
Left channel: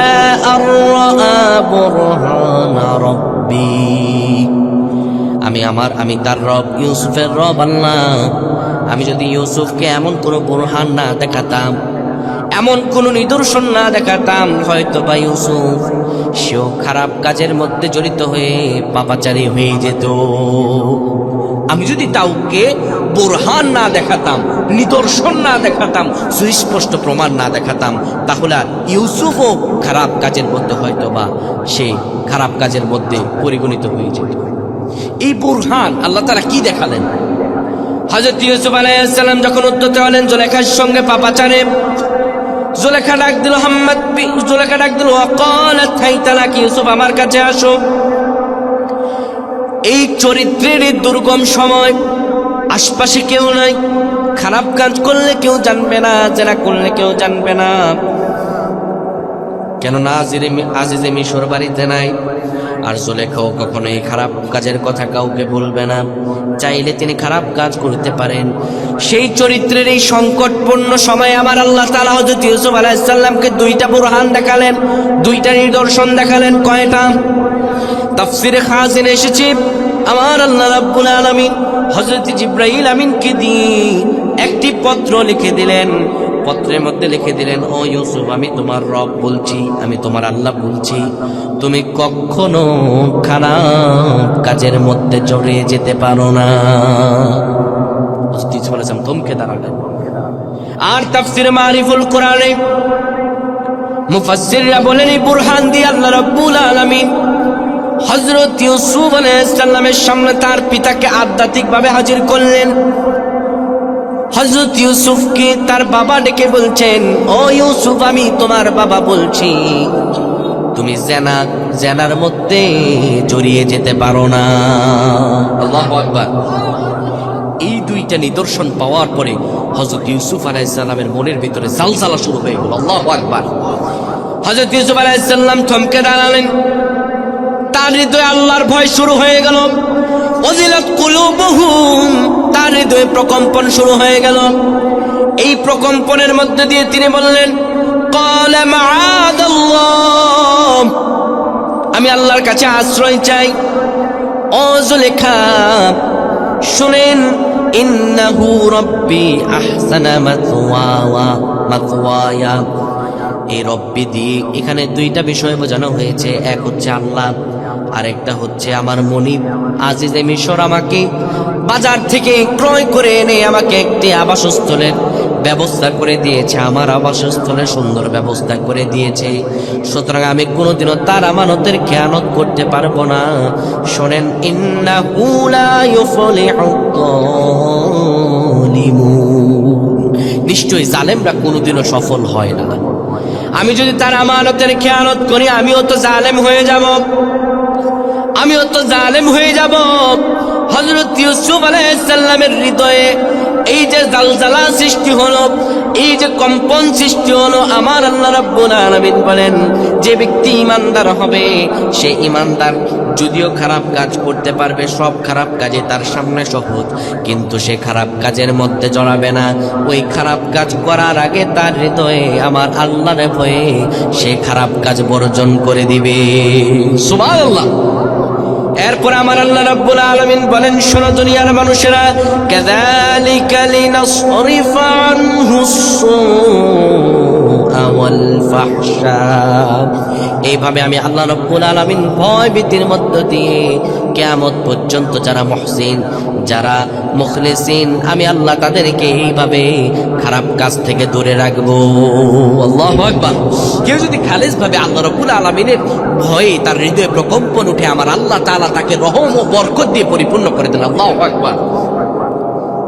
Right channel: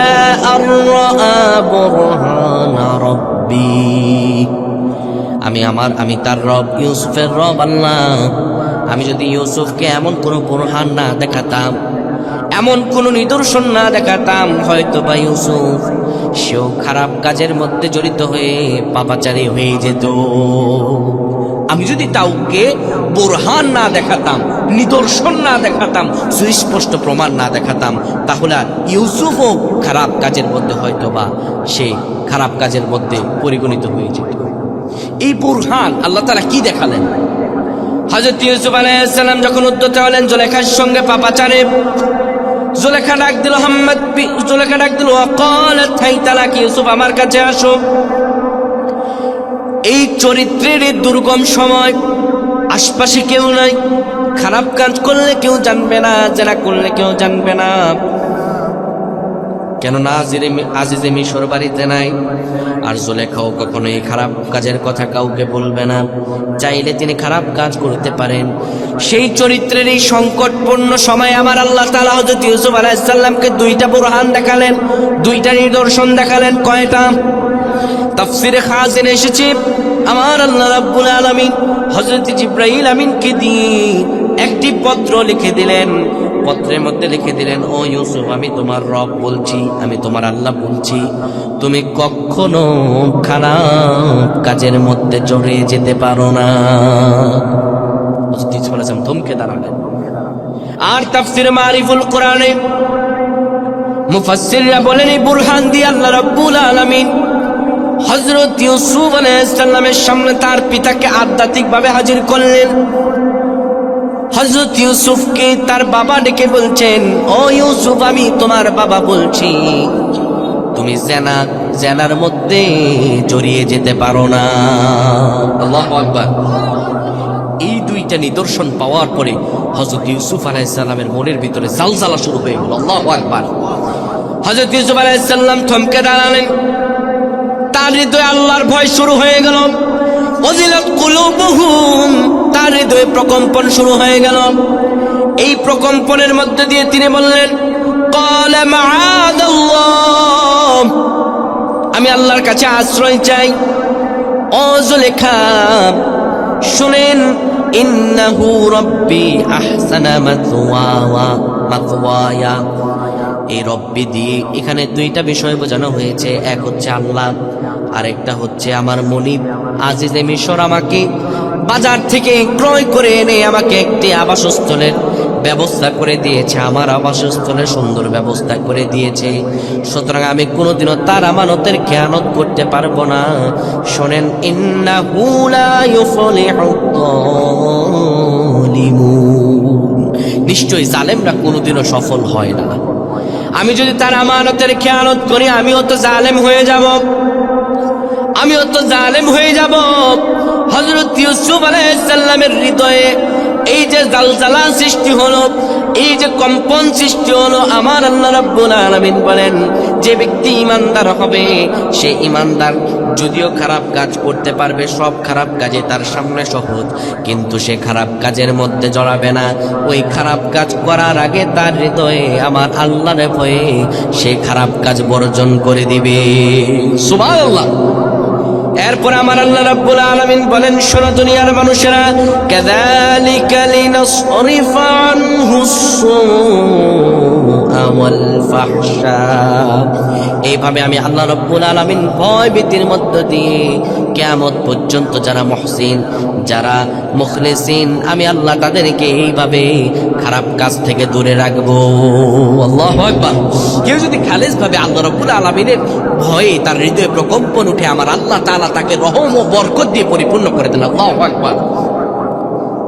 আরআ বুরহানা রাব্বি, আমি তার রব, ইউসুফের রব আল্লাহ, আমি যদি ইউসুফকে এমন কোন বুরহান না দেখাতাম, এমন কোন নিদর্শন না দেখাতাম, হয়তো বা ইউসুফ সেও খারাপ কাজের মধ্যে জড়িত হয়ে পাপাচারী হয়ে যেত। আমি যদি কাউকে বুরহান না দেখাতাম, নিদর্শন না দেখাতাম, সুস্পষ্ট প্রমাণ না দেখাতাম, তাহলে ইউসুফও খারাপ কাজের মধ্যে হয়তো বা সে খারাপ কাজের মধ্যে পরিগণিত হয়ে যেত। এই বুরহান আল্লাহ তাআলা কি দেখালেন? হযরত ইউসুফ আলাইহিস সালাম যখন উদ্যত হলেন জুলেখার সঙ্গে পাপাচারে, জুলেখা ডাক দিল, জুলেখা ডাক দিল, ওয়াকালাত হাইতা লাক, ইউসুফ আমার কাছে আসো। এই চরিত্রের দুর্গম সময়, আশপাশে কেউ নাই, খারাপ কাজ করলে কেউ জানবে না, জেনা করলে কেউ জানবে না, কেননা আজিজে মিশর বাড়িতে নাই। আর জুলেখাও কখনো এই খারাপ কাজের কথা কাউকে বলবে না, চাইলে তিনি খারাপ কাজ করতে পারেন। সেই চরিত্রের এই সংকটপূর্ণ সময়ে আমার আল্লাহ তাআলা হযরত ইউসুফ আলাইহিস সালামকে দুইটা বুরহান দেখালেন, দুইটা নিদর্শন দেখালেন। কয়টা? তাফসিরে খাজিনে এসেছে, আমার আল্লাহ রাব্বুল আলামিন হযরত জিবরাইল আমিনকে দিয়ে একটি পত্র লিখে দিলেন। পত্রের মধ্যে লিখে দিলেন, ও ইউসুফ, আমি তোমার রব বলছি, আমি তোমার আল্লাহ বলছি, তুমি কখনো খারাপ কাজের মধ্যে জড়িয়ে যেতে পারো না। থমকে দাঁড়ালেন। আর তাফসিরে মারিফুল কোরআনে মুফাসসিররা বলেন, এই বুরহান দিয়ে আল্লাহ রাব্বুল আলামিন হযরত ইউসুফ আলাইহিস সালামের সামনে তার পিতাকে আধ্যাত্মিক ভাবে হাজির করলেন। হযরত ইউসুফকে তার বাবা ডেকে বলছেন, ও ইউসুফ, আমি তোমার বাবা বলছি, তুমি জেনার মধ্যে জড়িয়ে যেতে পারো না। আল্লাহু আকবার। এই দুইটা নিদর্শন পাওয়ার পরে হযরত ইউসুফ আলাইহিস সালামের মনের ভিতরে জালজালা শুরু হয়ে গেল। আল্লাহু আকবার। হযরত ইউসুফ আলাইহিস সালাম থমকে দাঁড়ালেন, তার হৃদয়ে আল্লাহর ভয় শুরু হয়ে গেল। ওয়াজিলাত কুলুবুহুম, তার হৃদয়ে প্রকম্পন শুরু হয়ে গেল। এই প্রকম্পনের মধ্যে দিয়ে তিনি বললেন, ক্বালা মাআদাল্লাহ, আমি আল্লাহর কাছে আশ্রয় চাই। ও জুলেখা, শুনেন, ইন্নাহু রাব্বি আহসানা মাতওয়ায়া। এই রব্বি দিয়ে এখানে দুইটা বিষয় বোঝানো হয়েছে। এক হচ্ছে আল্লাহ, আরেকটা হচ্ছে আমার মনিব আজিজে মিশর আমাকে বাজার থেকে ক্রয় করে এনে আমাকে একটি আবাসস্থলের ব্যবস্থা করে দিয়েছে, আমার আবাসস্থলের সুন্দর ব্যবস্থা করে দিয়েছে। সুতরাং আমি কোনোদিনও তার আমানতের খেয়ানত করতে পারবো না। শোনেন, ইন্নাহু লা ইউফলিহুয যালিমুন, নিশ্চয়ই জালেমরা কোনোদিনও সফল হয় না। আমি যদি তার আমানতের খেয়ানত করি, আমিও তো জালেম হয়ে যাব, আমিও তো জালেম হয়ে যাব। হযরত ইউসুফ আলাইহিস সালামের হৃদয়ে এই যে জালজালা সৃষ্টি হলো, এই যে কম্পন সৃষ্টি হলো, আমার আল্লাহ রাব্বুল আলামিন বলেন, যে ব্যক্তি ঈমানদার হবে, সে ঈমানদার যদিও খারাপ কাজ করতে পারবে, সব খারাপ কাজে তার সামনে সহজ, কিন্তু সে খারাপ কাজের মধ্যে জড়াবে না। ওই খারাপ কাজ করার আগে তার হৃদয়ে আমার আল্লাহর ভয়ে সে খারাপ কাজ বর্জন করে দিবে। সুবহানাল্লাহ। এরপর আমার আল্লাহ রাব্বুল আলামিন বলেন, শোনো দুনিয়ার মানুষেরা, কাযালিকা লিনাসরিফা আনহুস-সুআ ওয়াল ফাহশা, এইভাবে আমি আল্লাহ রাব্বুল আলামিন ভয় ভীতির মধ্য দিয়ে কিয়ামত পর্যন্ত যারা মুহসিন, যারা মুখলিসিন, আমি আল্লাহ তাদেরকে এইভাবে খারাপ কাজ থেকে দূরে রাখবো। আল্লাহু আকবার। কেউ যদি খালেস ভাবে আল্লাহ রাব্বুল আলামিনের ভয়ে তার হৃদয়ে প্রকম্পন উঠে, আমার আল্লাহ তাআলা তাকে রহম ও বরকত দিয়ে পরিপূর্ণ করে দেন। আল্লাহু আকবার।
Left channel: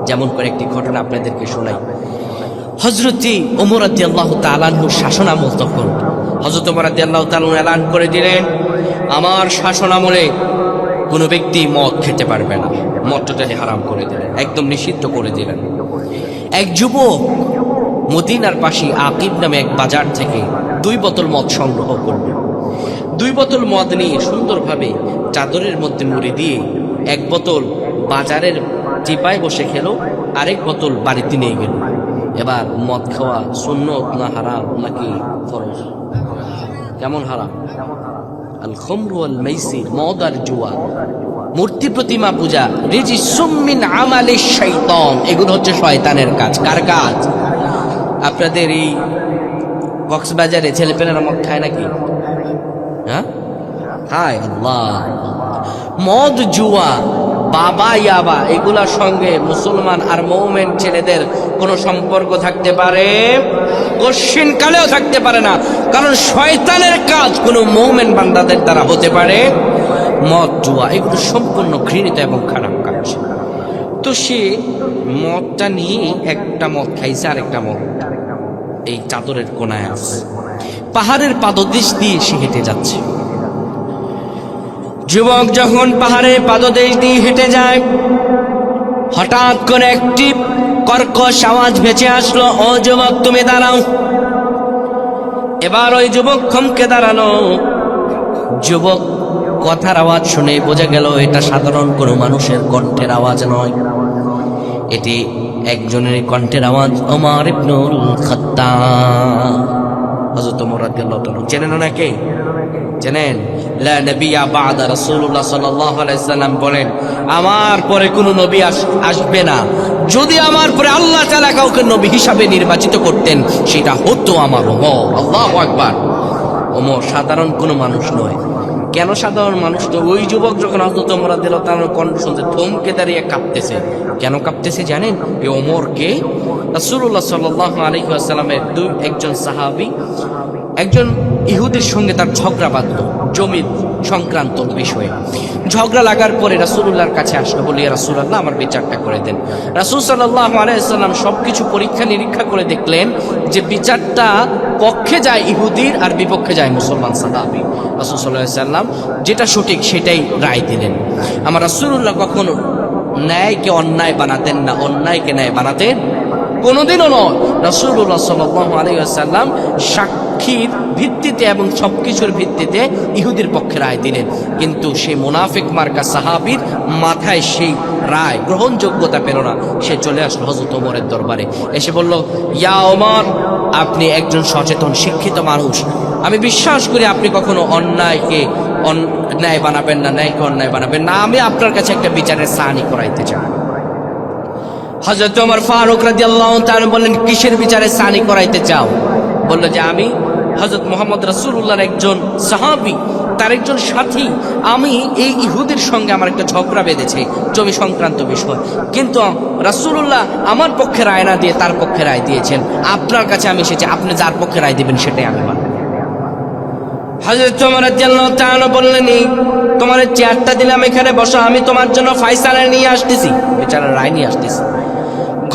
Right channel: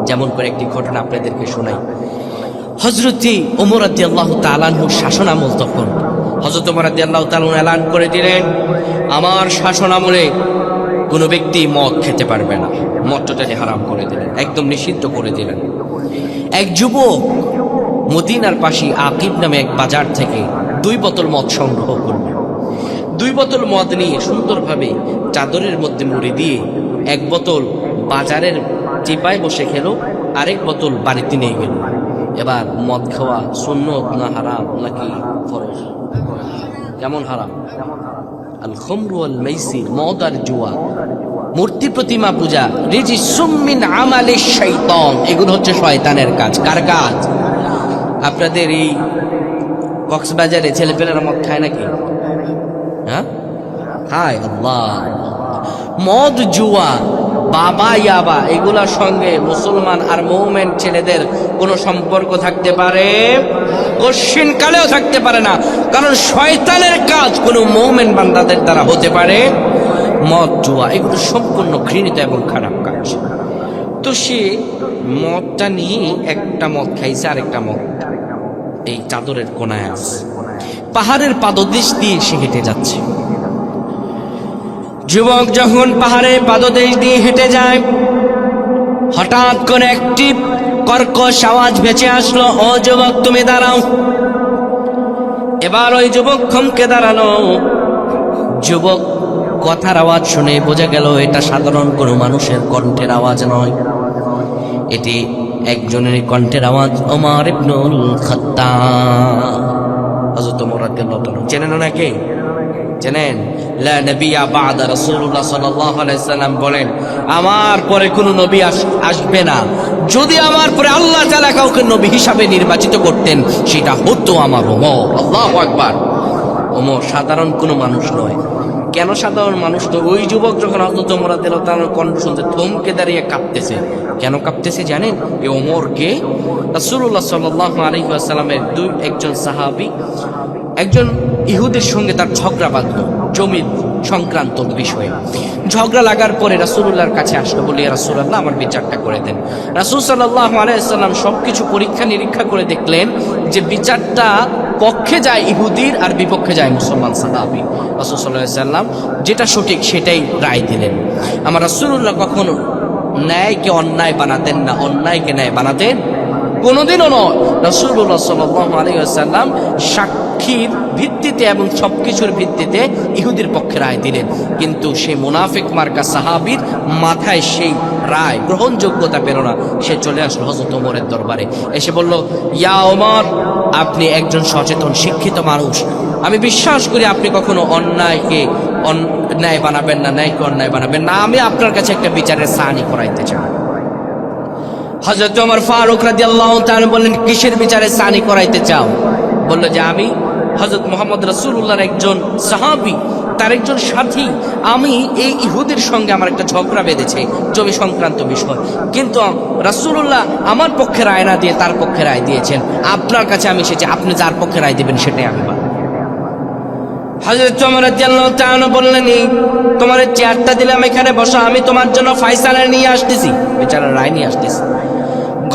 যেমন করে একটি ঘটনা আপনাদেরকে শোনাই। হযরত ওমর রাদিয়াল্লাহু তাআলা আনহুর শাসন আমল তখন। হযরত ওমর রাদিয়াল্লাহু তাআলা এলান করে দিলেন, আমার শাসন আমলে কোন ব্যক্তি মদ খেতে পারবে না। মদ টোটালি হারাম করে দিলেন, একদম নিষিদ্ধ করে দিলেন। এক যুবক মদিনার পাশে আকিব নামে এক বাজার থেকে 2 বোতল মদ সংগ্রহ করল। 2 বোতল মদ নিয়ে সুন্দরভাবে চাদরের মধ্যে মুড়ি দিয়ে 1 বোতল বাজারের চিপায় বসে খেলো, আরেক বোতল বাড়িতে নিয়ে গেল। এবার মদ খাওয়া সুন্নত না হারাম নাকি ফরজ? কেমন হারাম? আল খামরু ওয়াল মাইসির, মদ আর জুয়া, মূর্তি প্রতিমা পূজা, রিজিসুম মিন আমালিশ শাইতান, এগুলো হচ্ছে শয়তানের কাজ। কার কাজ? আপনাদের এই কক্সবাজারে ছেলেপেলেরা মদ খায় নাকি? হ্যাঁ খায়। আল্লাহ, মদ জুয়া বাবা ইয়াবা এগুলার সঙ্গে মুসলমান আর মুমিন ছেলেদের কোনো সম্পর্ক থাকতে পারে? কশিন কালেও থাকতে পারে না, কারণ শয়তানের কাজ কোনো মুমিন বান্দাদের দ্বারা হতে পারে। মদ জুয়া এগুলো সম্পূর্ণ ঘৃণিত এবং খারাপ কাজ। তো সে মদটা নিয়ে একটা মদ খাইছে, আরেকটা মদ এই চাদরের কোনায় আছে। পাহাড়ের পাদদেশ দিয়ে সে হেঁটে যাচ্ছে। যুবক যখন পাহাড়ের পাদদেশ দিয়ে হেঁটে যায়, হঠাৎ করে একটি কর্কশ আওয়াজ ভেসে আসলো, ও যুবক তুমি দাঁড়াও। এবার ওই যুবক থমকে দাঁড়ালো। যুবক কথার আওয়াজ শুনে বোঝা গেল এটা সাধারণ কোনো মানুষের কণ্ঠের আওয়াজ নয়, এটি একজনের কণ্ঠের আওয়াজ, ওমর ইবনুল খাত্তাব। হযরত ওমর রাদিয়াল্লাহু তাআলা চেনেন নাকি? চেনেন? লা নবিয়্যা বা'দা, রাসূলুল্লাহ সাল্লাল্লাহু আলাইহি সাল্লাম বলেন, আমার পরে কোনো নবী আসবে না। যদি আমার পরে আল্লাহ তাআলা কাউকে নবী হিসাবে নির্বাচিত করতেন, সেটা হতো আমার ওমর। আল্লাহু আকবার। ওমর সাধারণ কোনো মানুষ নয়। কেন সাধারণ মানুষ? তো ওই যুবক যখন হযরত ওমর রাদিয়াল্লাহু তাআলার কণ্ঠ শুনতে থমকে দাঁড়িয়ে কাঁপতেছে। কেন কাঁপতেছে জানেন? এই ওমরকে রাসূলুল্লাহ সাল্লাল্লাহু আলাইহি ওয়াসাল্লামের একজন সাহাবী একজন ইহুদির সঙ্গে তার ঝগড়া বাঁধলো জমির সংক্রান্ত বিষয়ে। ঝগড়া লাগার পরে রাসূলুল্লাহর কাছে আসলো, বলি ইয়া রাসূলুল্লাহ আমার বিচারটা করে দেন। রাসূল সাল্লাল্লাহু আলাইহি ওয়াসাল্লাম সবকিছু পরীক্ষা নিরীক্ষা করে দেখলেন যে বিচারটা পক্ষে যায় ইহুদির আর বিপক্ষে যায় মুসলমান সাহাবী। রাসূল সাল্লাল্লাহু আলাইহি ওয়াসাল্লাম যেটা সঠিক সেটাই রায় দিলেন। আমার রাসূলুল্লাহ কখনো ন্যায়কে অন্যায় বানাতেন না, অন্যায়কে ন্যায় বানাতেন কোনোদিনও নয়। রাসূলুল্লাহ সাল্লাল্লাহু আলাইহি ওয়াসাল্লাম সাক্ষীর ভিত্তিতে এবং সবকিছুর ভিত্তিতে ইহুদির পক্ষে রায় দিলেন, কিন্তু সেই মুনাফিক মার্কা সাহাবীর মাথায় সেই রায় গ্রহণযোগ্যতা পেল না। সে চলে আসলো হযরত ওমরের দরবারে, এসে বলল, ইয়া ওমর, আপনি একজন সচেতন শিক্ষিত মানুষ, আমি বিশ্বাস করি আপনি কখনো অন্যায়কে অন্যায় বানাবেন না, ন্যায়কে অন্যায় বানাবেন না। আমি আপনার কাছে একটা বিচারের সানি করাইতে চাই। হযরত ওমর ফারুক রাদিয়াল্লাহু তাআলা বললেন, কিসের বিচারে সানি করাইতে চাও? বলল যে আমি হযরত মুহাম্মদ রাসূলুল্লাহর একজন সাহাবী, তার একজন সাথী, আমি এই ইহুদির সঙ্গে আমার একটা ঝগড়া বেঁধেছে জমি সংক্রান্ত বিষয়, কিন্তু রাসূলুল্লাহ আমার পক্ষে রায় না দিয়ে তার পক্ষে রায় দিয়েছেন। আপনার কাছে আমি এসেছি, আপনি যার পক্ষে রায় দিবেন সেটাই আমি মানব। হযরত ওমর রাদিয়াল্লাহু তাআলা বললেন, এই তোমার চেয়ারটা দিলাম, এখানে বসো, আমি তোমার জন্য ফয়সালা নিয়ে আসতেছি, বিচারের রায় নিয়ে আসতেছি।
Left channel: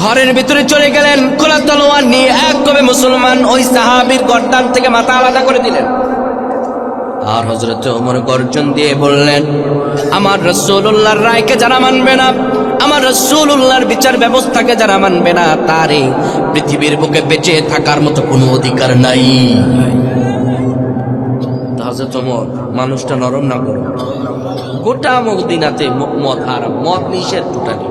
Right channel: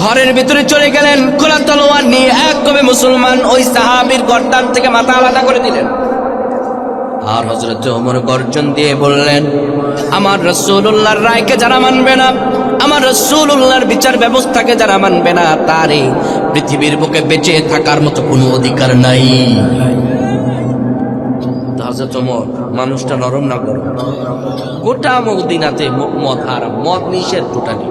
ঘরের ভিতরে চলে গেলেন, খোলা তলোয়ার নিয়ে এক কবে মুসলমান ওই সাহাবীর গর্দান থেকে মাথা আলাদা করে দিলেন। আর হযরত ওমর গর্জন দিয়ে বললেন, আমার রাসূলুল্লাহর রায়কে যারা মানবে না, আমার রাসূলুল্লাহর বিচার ব্যবস্থাকে যারা মানবে না, তার এই পৃথিবীর বুকে বেঁচে থাকার মতো কোনো অধিকার নাই। হযরত ওমর মানুষটা নরম না গরম? গোটা মদিনাতে মদ হারাম, মদ নিষেধ টোটালি।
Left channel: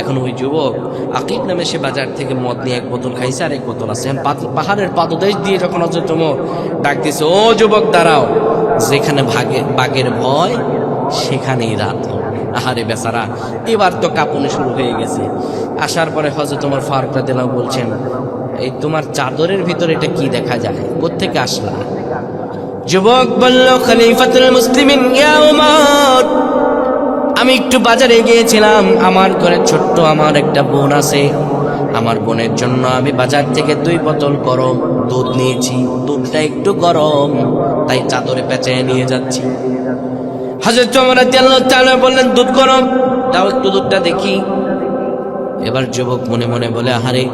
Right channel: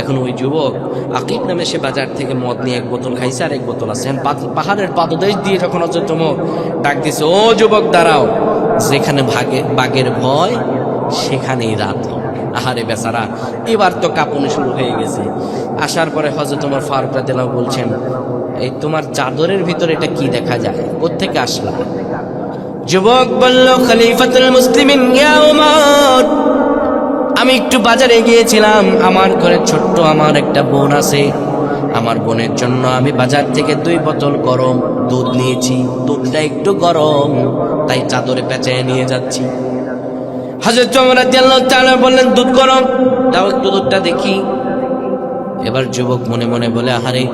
এখন ওই যুবক আকিব নামে সে বাজার থেকে মদ নিয়ে 1 বোতল খাইছে আর 1 বোতল আছে। পাহাড়ের পাদদেশ দিয়ে যখন হযরত ওমর ডাক দিছে, ও যুবক দাঁড়াও, যেখানে বাঘের ভয় সেখানেই রাত হোক। আহারে বেচারা, এবার তো কাঁপুনি শুরু হয়ে গেছে। আসার পরে হযরত ওমর ফারুক রাদিয়াল্লাহু আনহু বলছেন, এই তোমার চাদরের ভিতরে এটা কি দেখা যায়, কোত্থেকে আসলা? যুবক বলল, খলিফাতুল মুসলিমিন ইয়া ওমর, আমি একটু বাজারে গিয়েছিলাম, আমার ঘরে ছোট্ট আমার একটা বোন আছে, আমার বোনের জন্য আমি বাজার থেকে 2 বোতল গরম দুধ নিয়েছি, দুধটা একটু গরম তাই চাদরে পেঁচায় নিয়ে যাচ্ছি। হযরত ওমর রাদিয়াল্লাহু তাআলা বললেন, দুধ গরম, দাও একটু দুধটা দেখি। এবার যুবক মনে মনে বলে, আহারে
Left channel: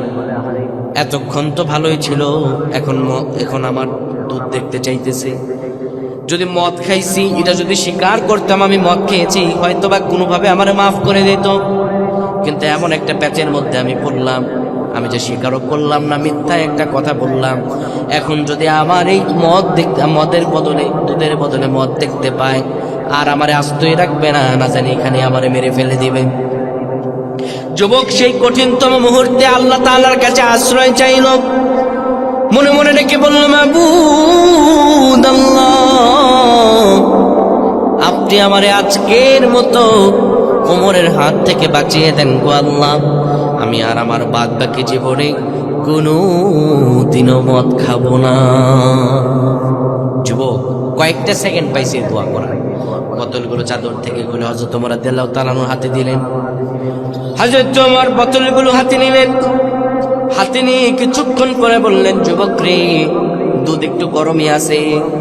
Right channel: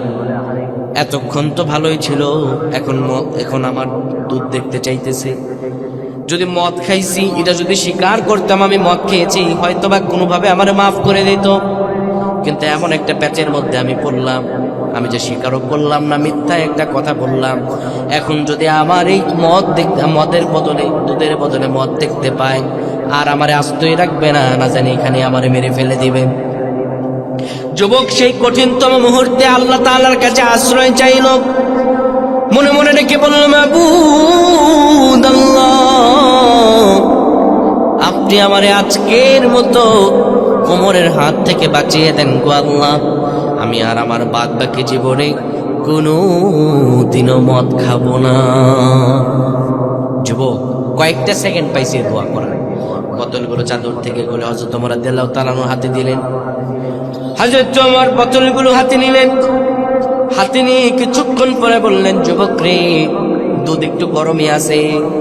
এতক্ষণ তো ভালোই ছিল, এখন আমার দুধ দেখতে চাইতেছে। যদি মদ খাইছি এটা যদি স্বীকার করতাম আমি মদ খেয়েছি, হয়তোবা কোনোভাবে আমারে মাফ করে দিত, কিন্তু এমন একটা প্যাচের মধ্যে আমি পড়লাম, আমি যে স্বীকারও করলাম না, মিথ্যা একটা কথা বললাম। এখন যদি আমার এই মদের বদলে, দুধের বদলে মদ দেখতে পায়, আর আমারে আস্তই রাখবে না, না জানি এখানে আমারে মেরে ফেলে দিবে। যুবক সেই কঠিনতম মুহূর্তে আল্লাহ তাআলার কাছে আশ্রয় চাইল, মনে মনে ডেকে বলল, মাবুদ আল্লাহ, আপনি আমারে আজকের মতো ওমরের হাত থেকে বাঁচিয়ে দেন গো আল্লাহ, আমি আর আমার বাদ বাকি জীবনে কোনো দিনও মদ খাবো না। যুবক কয়েকটা সেকেন্ড পাইছে দোয়া করার। বোতলগুলো চাদর থেকে খুলে হযরত ওমর রাদিয়াল্লাহু তাআলা হাতে দিলেন। হযরত ওমর বোতলগুলো হাতে নিলেন, হাতে নিয়ে কিছুক্ষণ পরে বললেন, যুবক রে, দুধ একটু গরমই আছে,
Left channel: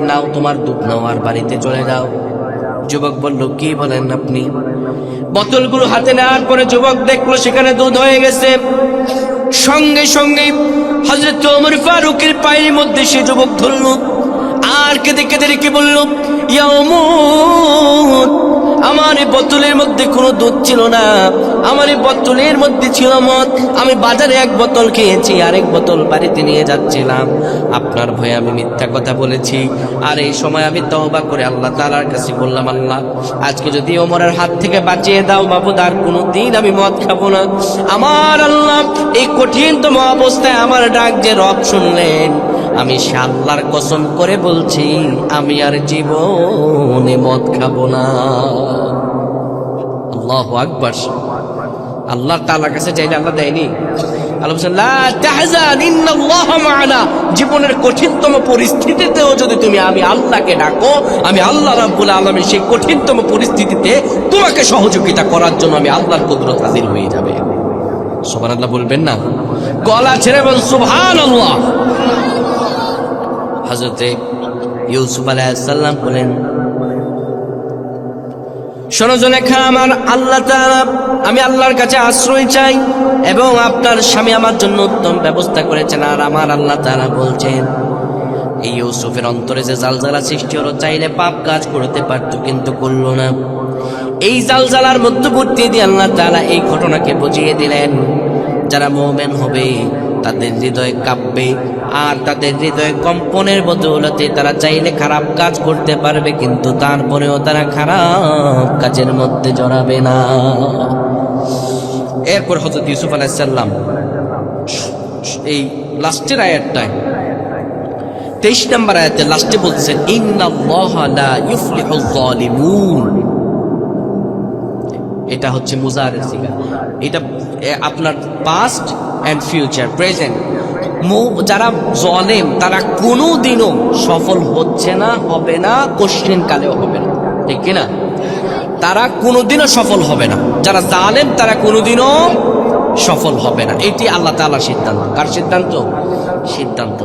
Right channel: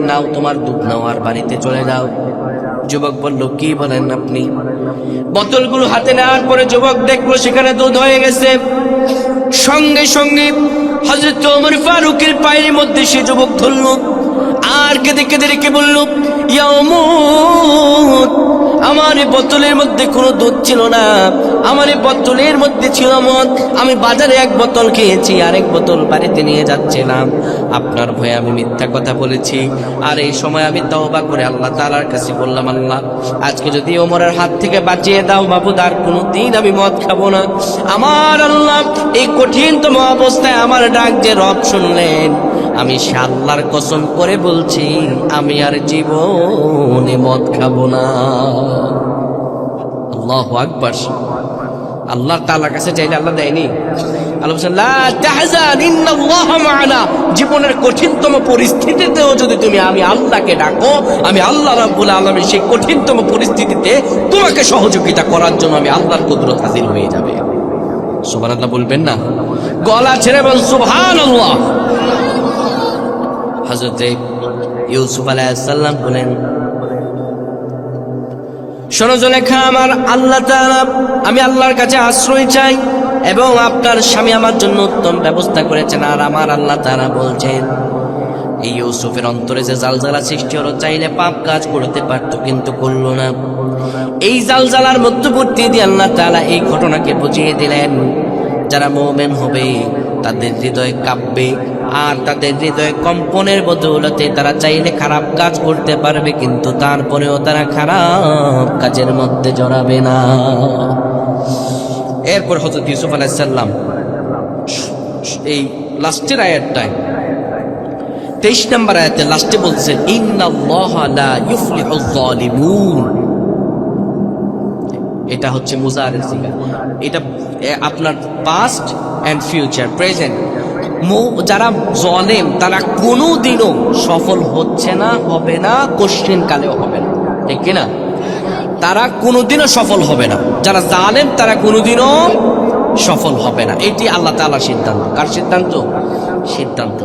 নাও তোমার দুধ নাও আর বাড়িতে চলে যাও। যুবক বলল, কি বলেন আপনি? বোতলগুলো হাতে নেওয়ার পরে যুবক দেখলো সেখানে দুধ হয়ে গেছে। সঙ্গে সঙ্গে হযরত ওমর ফারুকের পায়ের মধ্যে সে যুবক ধরল, আর কেঁদে কেঁদে রেখে বলল, ইয়া ওমর, আমার এই বোতলের মধ্যে কোনো দুধ ছিল না, আমার এই বোতলের মধ্যে ছিল মদ। আমি বাজারে 1 বোতল খেয়েছি, আর 1 বোতল বাড়িতে নিয়ে যাচ্ছিলাম। আপনার ভয়ে আমি মিথ্যা কথা বলেছি, আর এই সময় আমি তওবা করে আল্লাহ তাআলার কাছে বললাম, আল্লাহ আজকে যদি ওমরের হাত থেকে বাঁচিয়ে দাও মাবুদ, আর কোনোদিন আমি মদ খাবো না। আমার আল্লাহ এই কঠিনতম অবস্থায় আমার ডাক যে রব শুনলেন, আমি সে আল্লাহর কসম করে বলছি, আমি আর জীবনে মদ খাবো না। আল্লাহু আকবার। আল্লাহ তাআলার কাছে চাইলে আল্লাহ দেয়নি? আল্লাহ বলেন, লা তাহজান ইন্নাল্লাহা মা'ানা। জীবনের কঠিনতম পরিস্থিতিতেও যদি তুমি আমি আল্লাহকে ডাকো, আমি আল্লাহ রাব্বুল আলামিন সেই কঠিনতম পরিস্থিতিতে তোমাকে সহযোগিতা করার জন্য আমি আল্লাহর কুদরত হাজির হয়ে যাবে। সুবহানাল্লাহ বলবেন না? গলা ছেড়ে বল সুবহানাল্লাহ। হযরত ইউসুফ আলাইহিস সালাম বলেন, শোনো জুলেখা, আমার আল্লাহ তাআলা, আমি আল্লাহর কাছে আশ্রয় চাই, এবং আপনার স্বামী আমার জন্য উত্তম ব্যবস্থা করেছেন। আর আমার আল্লাহ তাআলা বলছেন, এই ইউসুফের অন্তরে যে জালজালা সৃষ্টি হলো, চাইলে পাপ কাজ করতে পারত কিন্তু করলো না। এই জালজালার মধ্যবর্তী দিয়ে আল্লাহ তাআলা এই ঘটনাকে বুঝিয়ে দিলেন, যারা মুমিন হবে তাদের হৃদয় কাঁপবে, আর তাদের হৃদয় কম্পনের বদৌলতে তারা চাইলে খারাপ কাজ করতে পারবে, কিন্তু তারপরেও তারা খারাপ কাজের মধ্যে জড়াবে না। এরপর হযরত ইউসুফ আলাইহিস সালাম এই লাস্টের আয়াতটায় 23 নম্বর আয়াতে লাস্টে বলতেছেন, ইন্নাল্লাহা লা ইউফলিহুজ যালিমুন। এটা হচ্ছে মুজারের সিগা, এটা আপনার পাস্ট এন্ড ফিউচার, প্রেজেন্ট। যারা জালেম তারা কোনোদিনও সফল হচ্ছে না, হবে না, কোশ্চেন কালেও হবে না, ঠিক কিনা? তারা কোনোদিনও সফল হবে না। যারা জালেম তারা কোনোদিনও সফল হবে না। এটি আল্লাহ তাআলার সিদ্ধান্ত। কার সিদ্ধান্ত? সিদ্ধান্ত।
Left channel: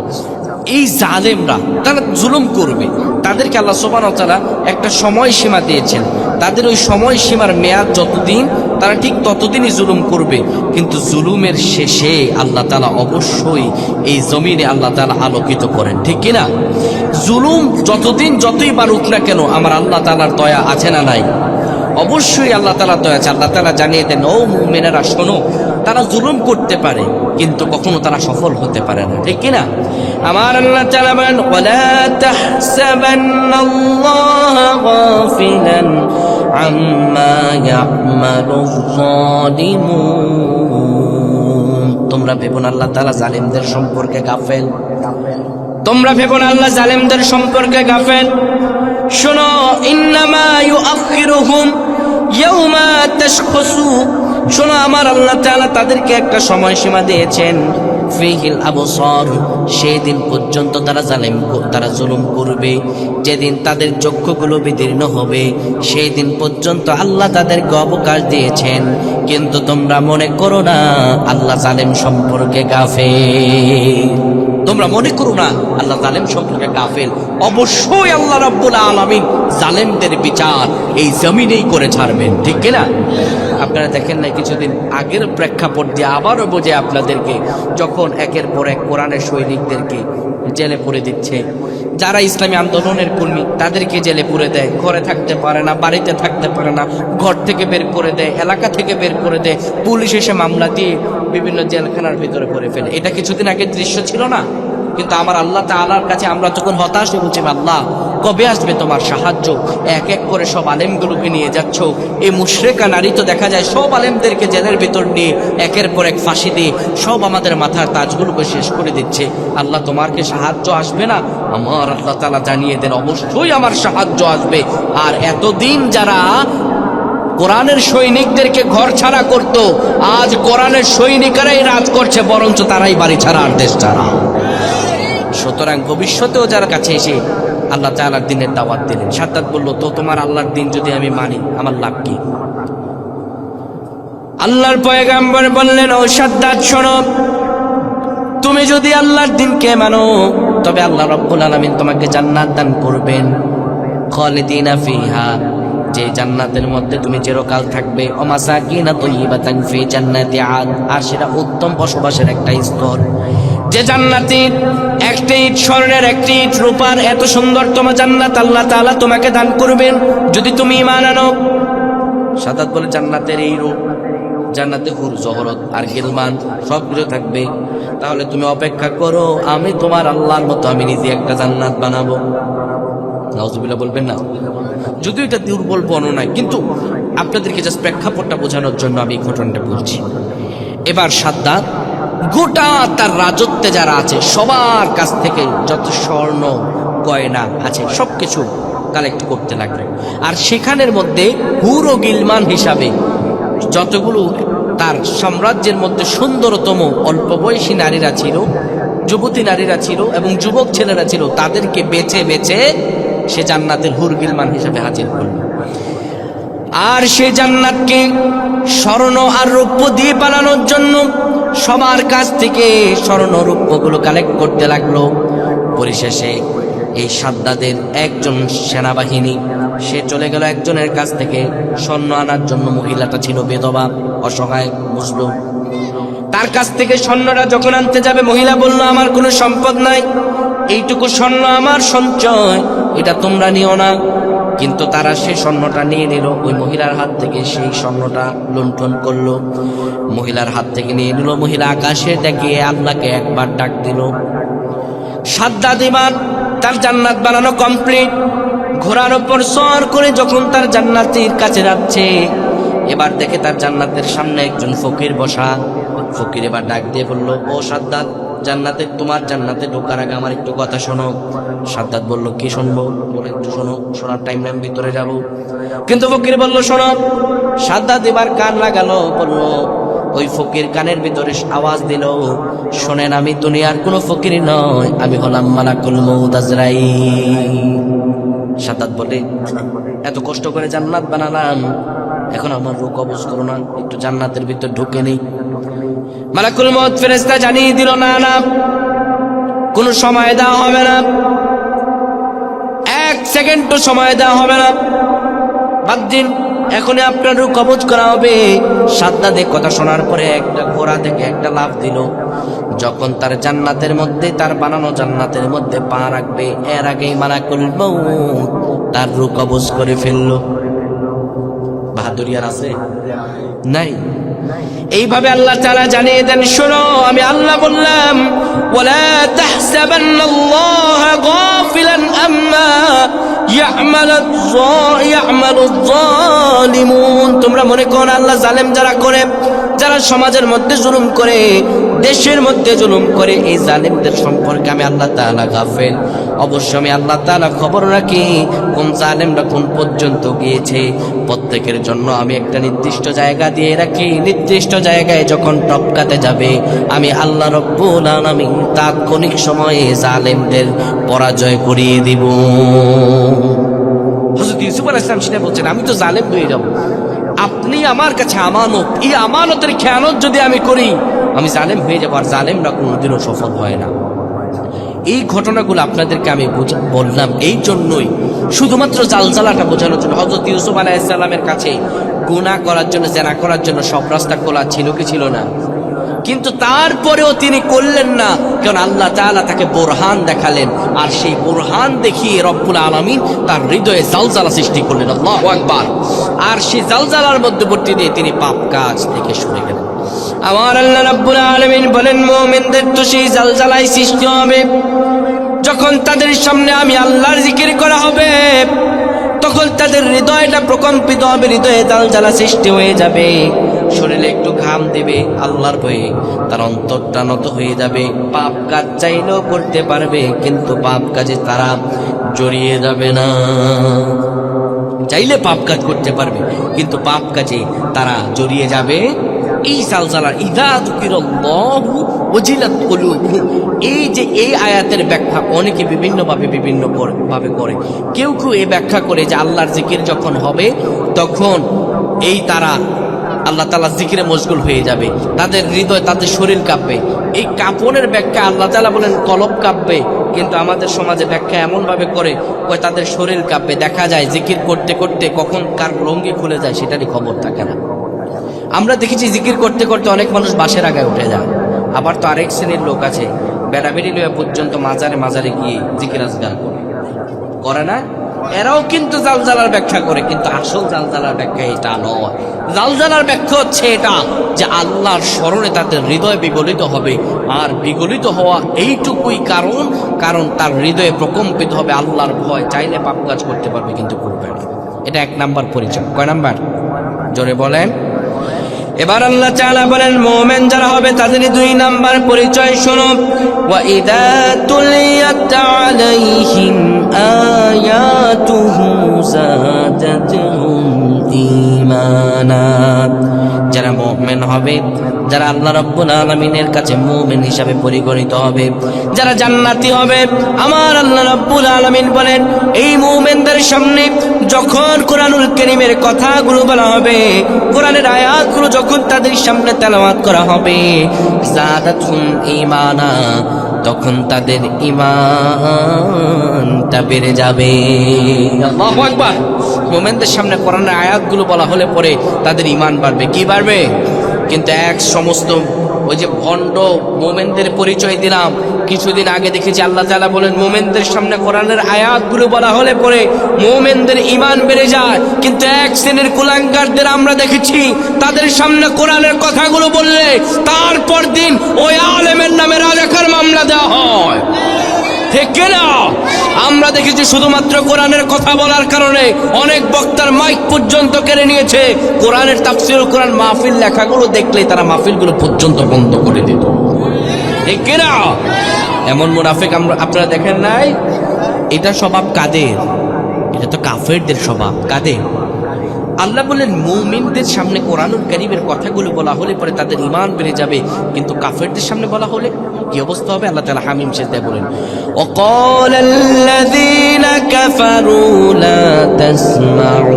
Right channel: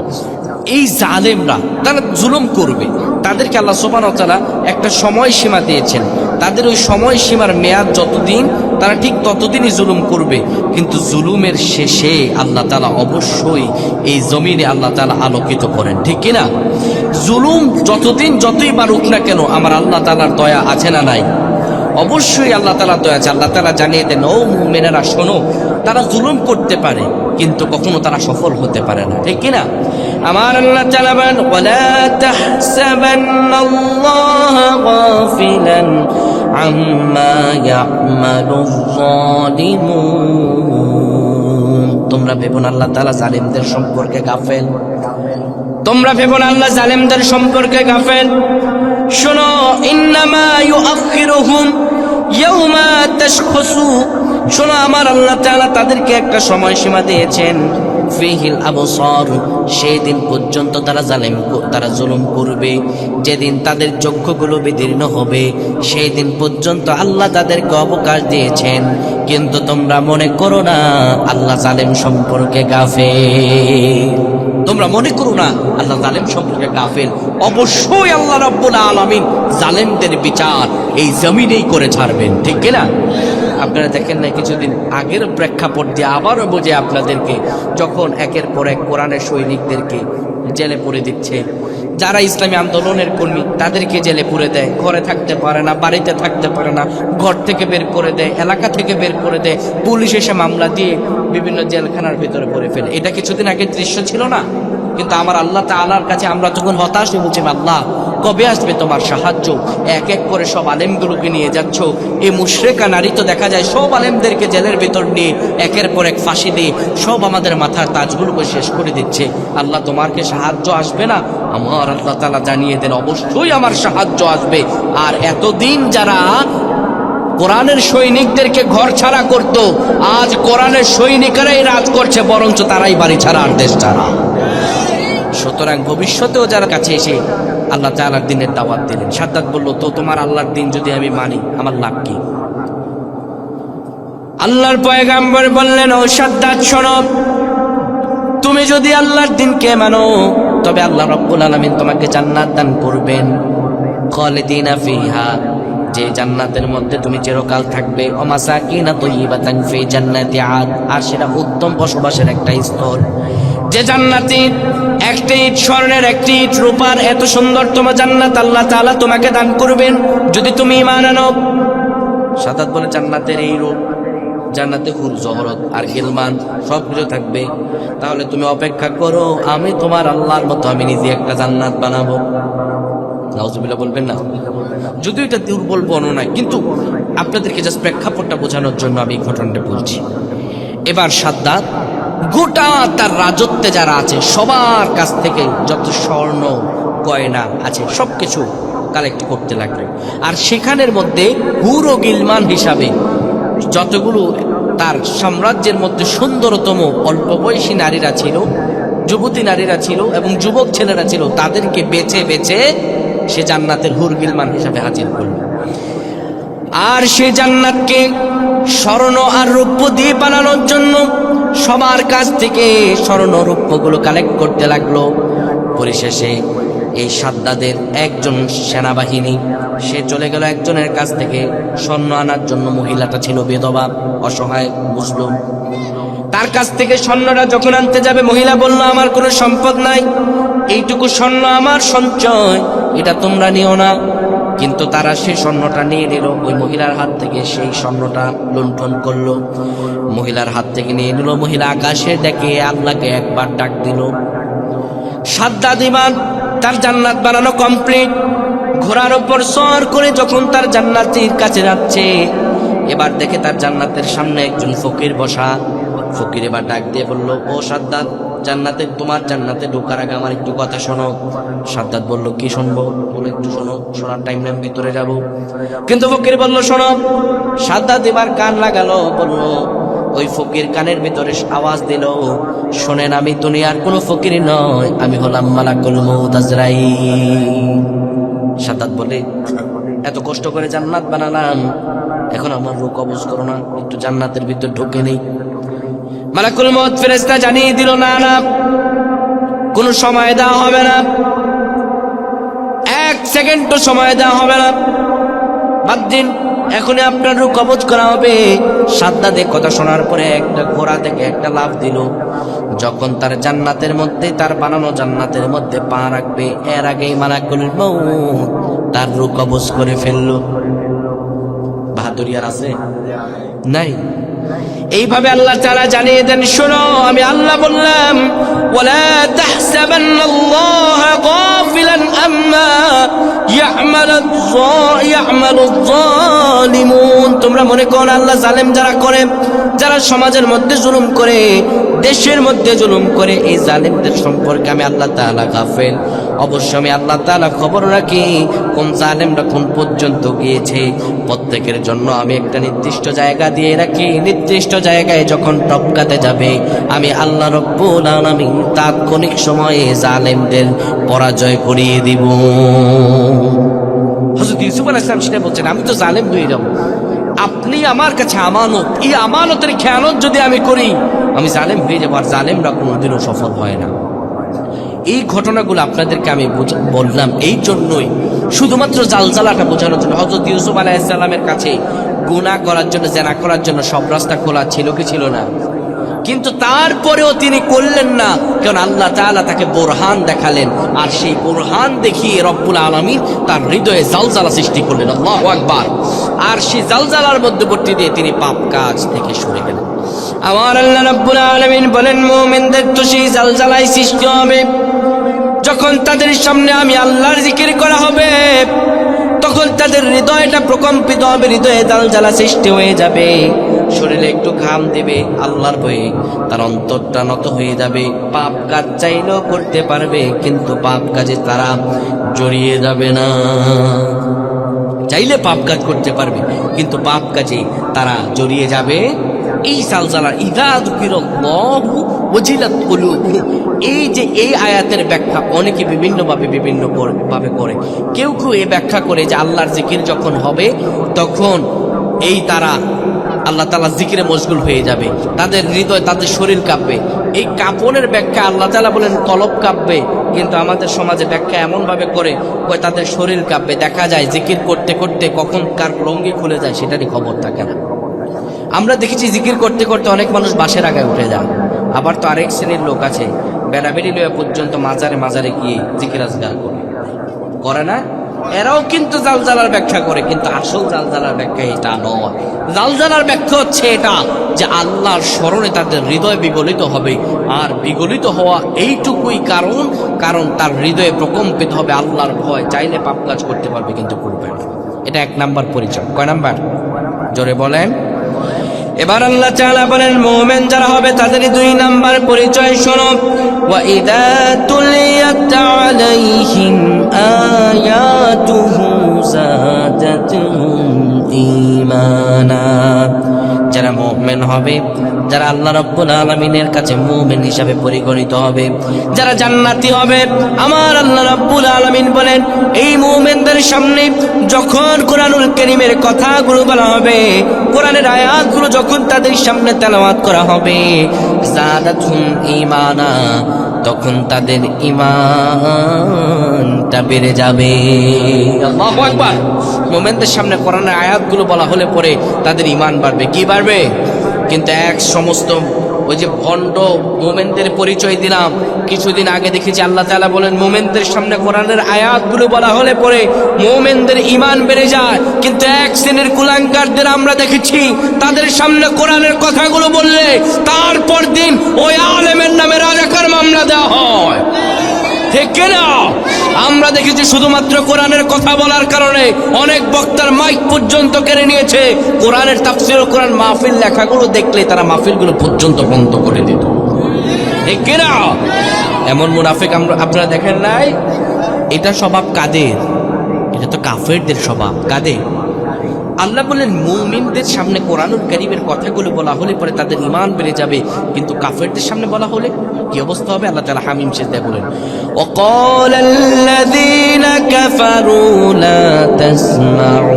এই জালেমরা তারা জুলুম করবে, তাদেরকে আল্লাহ সুবহানাহু ওয়া তাআলা একটা সময়সীমা দিয়েছেন। তাদের ওই সময়সীমার মেয়াদ যতদিন, তারা ঠিক ততদিনই জুলুম করবে, কিন্তু জুলুমের শেষে আল্লাহ তাআলা অবশ্যই এই জমিনে আল্লাহ তাআলা আলোকিত করেন, ঠিক কিনা? জুলুম যতদিন যতই বাড়ুক না কেন, আমার আল্লাহ তাআলার দয়া আছে না নাই? অবশ্যই আল্লাহ তাআলার দয়া আছে। আল্লাহ তাআলা জানিয়ে দেন, ও মুমিনেরা শোনো, তারা জুলুম করতে পারে কিন্তু কখনো তারা সফল হতে পারে না, ঠিক কিনা? আমার আল্লাহ তাআলা বলেন, ওয়ালা তাহসাবান্নাল্লাহা গাফিলান আম্মা ইয়া'মালুয যালিমুন। তোমরা ভেবো না আল্লাহ তাআলা জালিমদের সম্পর্কে গাফেল। তোমরা ভেবো না আল্লাহ জালিমদের সম্পর্কে গাফেল। শোনো, ইন্নামা ইউআখিরুহুম ইয়াওমা তাশখাসু, শোনো আমার আল্লাহ তাআলা তাদেরকে একটা সময়সীমা দিয়েছেন, ফিহিল আবসার, সেই দিন পর্যন্ত তারা জুলুম করবে, যেদিন তাদের চক্ষুগুলো বিদীর্ণ হবে, সেই দিন পর্যন্ত আল্লাহ তাদেরকে অবকাশ দিয়েছেন। কিন্তু তোমরা মনে করো না আল্লাহ জালেম সম্পর্কে গাফেল, তোমরা মনে করো না আল্লাহ জালেম সম্পর্কে গাফেল। অবশ্যই আল্লাহ রাব্বুল আলামিন জালেমদের বিচার এই জমিনেই করে ছাড়বেন, ঠিক কিনা? আপনারা দেখেন না কিছুদিন আগের প্রেক্ষাপট দিয়ে আবারও বোঝে আপনাদেরকে, যখন একের পর এক কোরআনের সৈনিকদেরকে জেলে পুরে দিচ্ছে, যারা ইসলামী আন্দোলনের কর্মী তাদেরকে জেলে পুরে দেয়, ঘরে থাকতে পারে না, বাড়িতে থাকতে পারে না, ঘর থেকে বের করে দেয়, এলাকা থেকে বের করে দেয়, পুলিশ এসে মামলা দিয়ে বিভিন্ন জেলখানার ভিতরে পড়ে ফেলে। এটা কিছুদিন আগের দৃশ্য ছিল না? কিন্তু আমার আল্লাহ তাআলার কাছে আমরা তখন হতাশ হয়ে বলছি, আল্লাহ কবে আসবে তোমার সাহায্য? এক এক করে সব আলেমগুলোকে নিয়ে যাচ্ছ, এই মুশরিকা নারী তো দেখা যায় সব আলেমদেরকে জেলের ভিতর নিয়ে একের পর এক ফাঁসি দিয়ে সব আমাদের মাথার তাজগুলোকে শেষ করে দিচ্ছে। আল্লাহ তোমার কি সাহায্য আসবে না? আমার আল্লাহ তাআলা জানিয়ে দেন অবশ্যই আমার সাহায্য আসবে। আর এতদিন যারা কোরআনের সৈনিকদেরকে ঘর ছাড়া করত, আজ কোরআনের সৈনিকেরাই রাজ করছে, বরঞ্চ তারাই বাড়ি ছাড়া আর দেশ ছাড়া। সুতরাং ভবিষ্যতেও যারা কাছে এসে আল্লাহ তাআলার দিনের দাওয়াত দিলেন, সাদ্দাত বলল, তো তোমার আল্লাহর দিন যদি আমি মানি আমার লাভ কি? আল্লাহর পয়গাম্বর বললেন, ও সাদ্দাত শোনো, তুমি যদি আল্লাহর দিনকে মানো তবে আল্লাহ রাব্বুল আলামিন তোমাকে জান্নাত দান করবেন, খালিদিনা ফিহা, যে জান্নাতের মধ্যে তুমি চিরকাল থাকবে, ও মাসাকিনা তাইয়িবাতান ফি জান্নাতি আদ, আর সেটা উত্তম বসবাসের একটা স্থল। যে জান্নাতে একটি ইট স্বর্ণের, একটি ইট রূপার, এত সুন্দর তোমার জান্নাত আল্লাহ তাআলা তোমাকে দান করবেন যদি তুমি ঈমান আনো। সাদাত বলে, জান্নাতের এই রূপ, জান্নাতে হুর জহরত আর গিলমান সবকিছু থাকবে, তাহলে তুমি অপেক্ষা করো, আমি তোমার আল্লাহর মতো আমি নিজে একটা জান্নাত বানাবো। নাউজুবিল্লাহ বলবেন না? যদিও এটা দুর্বল বর্ণনা, কিন্তু আপনাদেরকে জাস্ট প্রেক্ষাপটটা বোঝানোর জন্য আমি এই ঘটনাটা বলছি। এবার সাদ্দাত গোটা তার রাজত্বে যারা আছে সবার কাছ থেকে যত স্বর্ণ গয়না আছে সবকিছু কালেক্ট করতে লাগলো, আর সেখানের মধ্যে হুর ও গিলমান হিসাবে যতগুলো তার সাম্রাজ্যের মধ্যে সুন্দরতম অল্প বয়সী নারীরা ছিল, যুবতী নারীরা ছিল এবং যুবক ছেলেরা ছিল, তাদেরকে বেছে বেছে সে জান্নাতের হুর গিলমান হিসাবে হাজির করল। আর সে জান্নাতকে স্বর্ণ আর রৌপ্য দিয়ে বানানোর জন্য সবার কাছ থেকে স্বর্ণ রৌপ্যগুলো কালেক্ট করতে লাগলো। পরিশেষে এই সাদ্দাদের একজন সেনাবাহিনী সে চলে গেল একজনের কাছ থেকে স্বর্ণ আনার জন্য। মহিলাটা ছিল বিধবা, অসহায় মুসলিম। তার কাছ থেকে স্বর্ণটা যখন আনতে যাবে, মহিলা বলল, আমার কোনো সম্পদ নাই, এইটুকু স্বর্ণ আমার সঞ্চয়, এটা তোমরা নিও না। কিন্তু তারা সেই স্বর্ণটা নিয়ে নিল, ওই মহিলার হাত থেকে সেই স্বর্ণটা লুণ্ঠন করলো, মহিলার হাত থেকে নিয়ে নিল। মহিলা আকাশে দেখে আল্লাহকে একবার ডাক দিল। সাদ্দাত ঈমান তার জান্নাত বানানো কমপ্লিট। ঘোড়ার উপর সওয়ার করে যখন তার জান্নাতের কাছে যাচ্ছে, এবার দেখে তার জান্নাতের সামনে একজন ফকির বসা। ফকির এবার ডাক দিয়ে বলল, ও সাদ্দাত, জান্নাতে, তোমার জান্নাতে ঢোকার আগে আমার একটু কথা শোনো। সাদ্দাত বলল, কি শুনবো? বলে, একটু শোনো, শোনার টাইম নেই, ভিতরে যাব। কিন্তু ফকির বলল, শোনো। সাদ্দাত এবার কান লাগালো, বলল, ওই ফকির কানের ভিতরে আওয়াজ দিল, শোনেন, আমি দুনিয়ার কোনো ফকির নয়, আমি হলাম মালাকুল মউত আজরাইল। সাদ্দাত বলে, এত কষ্ট করে জান্নাত বানালাম, এখন আমার রূহ কবজ করো না, একটু জান্নাতের ভিতর ঢুকে নেই। মালাকুল মউত ফেরেশতা জানিয়ে দিল, না না, কোনো সময় দেওয়া হবে না, এক সেকেন্ডও সময় দেওয়া হবে না, বাদ দিন, এখনই আপনার রূহ কবজ করা হবে। সাদ্দাত কথা শোনার পরে একটা ঘোড়া থেকে একটা লাফ দিল। যখন তার জান্নাতের মধ্যে, তার বানানো জান্নাতের মধ্যে পা রাখবে, এর আগেই মালাকুল মউত তার রূহ কবজ করে ফেললো। বাহাদুরি আর আছে? নাই। এইভাবে আল্লাহ তাআলা জানিয়ে দেন, শোনো, আমি আল্লাহ বললাম, ওয়ালা তাহসাবান্নাল্লাহা গাফিলান আম্মা ইয়ামালুয যালিমুন। তোমরা মনে করো আল্লাহ জালেম যারা করে, যারা সমাজের মধ্যে জুলুম করে, দেশের মধ্যে জুলুম করে, এই জালেমদের সম্পর্কে আমি আল্লাহ তাআলা গাফেল। অবশ্য আমি আল্লাহ তাআলা খবর রাখি কোন জালেমরা কোন পর্যন্ত গিয়েছে। প্রত্যেকের জন্য আমি একটা নির্দিষ্ট জায়গা দিয়ে রাখি, নির্দিষ্ট জায়গায় যখন টপকাতে যাবে আমি আল্লাহ রব্বুল আলামিন তাৎক্ষণিক সময়ে জালেমদের পরাজয় করিয়ে দিব। হযরত ইউসুফ আলাইহিস সালাম সেটা বলছেন, আমি তো জালেম হয়ে যাব, আপনি আমার কাছে আমানত, এই আমানতের খেয়ানত যদি আমি করি আমি জালেম হয়ে যাব, আর জালেমরা কোনোদিনও সফল হয় না। এই ঘটনাগুলো আপনাদেরকে আমি বললাম এই জন্যই, শুধুমাত্র জালজালাটা বোঝানোর জন্য। হযরত ইউসুফ আলাইহিস সালামের কাছে গুনাহ করার জন্য, জেনা করার জন্য সব রাস্তা খোলা ছিল কি ছিল না? কিন্তু তারপরেও তিনি করলেন না, কারণ আল্লাহ তাআলা তাকে বোরহান দেখালেন, আর সেই বোরহান দেখিয়ে রব্বুল আলামিন তার হৃদয়ে জালজালা সৃষ্টি করলেন। আল্লাহু আকবার। আর সেই জালজালার মধ্যবর্তী দিয়ে তিনি পাপ কাজ থেকে সরে গেলেন। আমার আল্লাহ রব্বুল আলামিন বলেন, মুমিনদের তো সেই জালজালাই সৃষ্টি হবে যখন তাদের সামনে আমি আল্লাহর জিকির করা হবে, তখন তাদের হৃদয়টা প্রকম্পিত হবে, হৃদয়ে জালজালা সৃষ্টি হয়ে যাবে, শরীরে একটু ঘাম দেবে আল্লাহর ভয়ে, তার অন্তরটা নত হয়ে যাবে। পাপ কাজ চাইলেও করতে পারবে, কিন্তু পাপ কাজে তারা জড়িয়ে যাবে না। চাইলে পাপ কাজ করতে পারবে, কিন্তু পাপ কাজে তারা জড়িয়ে যাবে। এই জালজালার ইযা যুকিরাল্লাহু ওয়াজিলাত কুলুবুহুম, এই যে এই আয়াতের ব্যাখ্যা অনেকে বিভিন্ন ভাবে করে। কেউ কেউ এই ব্যাখ্যা করে যে আল্লাহর জিকির যখন হবে তখন এই তারা আল্লাহ তাআলা জিকিরে মশগুল হয়ে যাবে, তাদের হৃদয়, তাদের শরীর কাঁপবে। এই কাঁপনের ব্যাখ্যা আল্লাহ তাআলা বলেন কলব কাঁপবে, কিন্তু আমাদের সমাজে ব্যাখ্যা এমন ভাবে করে কয় তাদের শরীর কাঁপবে। দেখা যায় জিকির করতে করতে কখন কার লঙ্গি খুলে যায় সেটারই খবর থাকে না। আমরা দেখেছি জিকির করতে করতে অনেক মানুষ বাসের আগায় উঠে যায়। আবার তো আরেক শ্রেণীর লোক আছে বেড়াবেড়ি লইয়া পর্যন্ত মাজারে গিয়ে জিকির আজগার করে না? এরাও কিন্তু জালজালার ব্যাখ্যা করে, কিন্তু আসল জালজালার ব্যাখ্যা এটা নয়। জালজালার ব্যাখ্যা হচ্ছে এটা যে আল্লাহর স্মরণে তাদের হৃদয় বিগলিত হবে, আর বিগলিত হওয়া এইটুকুই কারণ তার হৃদয়ে প্রকম্পিত হবে আল্লাহর ভয়। চাইলে পাপ কাজ করতে পারবে, কিন্তু করবে না। এটা 1 নাম্বার পরিচয়। কয় নাম্বার? জোরে বলেন। এবার আল্লাহ তাআলা বলেন মুমিন যারা হবে তাদের 2 নাম্বার পরিচয় শোনো। ওয়া ইযা তুলিয়াত আলাইহিম আয়াতুহু যাদাতুহুম ঈমানা। যারা মুমিন হবে, যারা আল্লাহ রাব্বুল আলামিনের কাছে মুমিন হিসাবে পরিগণিত হবে, যারা জান্নাতি হবে, আমার আল্লাহ রাব্বুল আলামিন বলেন এই মুমিনদের সামনে যখন কোরআনুল কারীমের কথাগুলো বলা হবে, কোরআনের আয়াতগুলো যখন তাদের সামনে তেলাওয়াত করা হবে, যাদাতুহুম ঈমানা, তখন তাদের ঈমানটা বেড়ে যাবে। আল্লাহু আকবার। মুমিনদের সামনে কোরআনের আয়াতগুলো বলা হলে পরে তাদের ঈমান বাড়বে। কি বাড়বে? কিন্তু সমস্ত ওই যে ভণ্ড মুমিনদের পরিচয় দিলাম, কিছুদিন আগে দেখেছি আল্লাহ তাআলা বলেন মুমিনদের সামনে কোরআনের আয়াতগুলো বলা হলে পরে মুমিনদের ঈমান বেড়ে যায়। কিন্তু এক শ্রেণীর কুলাঙ্গারদের আমরা দেখেছি তাদের সামনে কোরআনের কথাগুলো বললে তারপর দিন ওই আলেমের নামে রাজাকার মামলা দেওয়া হয়। ঠিক না? আমরা দেখেছি শুধুমাত্র কোরআনের কথা বলার কারণে অনেক বক্তার মাইক পর্যন্ত কেড়ে নিয়েছে। কোরআনের তাফসীর, কোরআন মাহফিল লেখাগুলো দেখলে তারা মাহফিলগুলো পর্যন্ত বন্ধ করে দিত। ঠিক না? এমন মুনাফিক আপনারা দেখেন নাই? এটা স্বভাব কাদের? এটা তো কাফেরদের স্বভাব। কাদের? আল্লাহ বলেন মুমিনদের সামনে কোরআনুল কারীমের কথাগুলো বলা হলে পরে তাদের ঈমান বেড়ে যাবে, কিন্তু কাফেরদের সামনে বলা হলে কি অবস্থা হবে? আল্লাহ তাআলা হামিম সিজদায় বলেন ওয়াকালাল্লাযীনা কাফারু লা তাসমাউ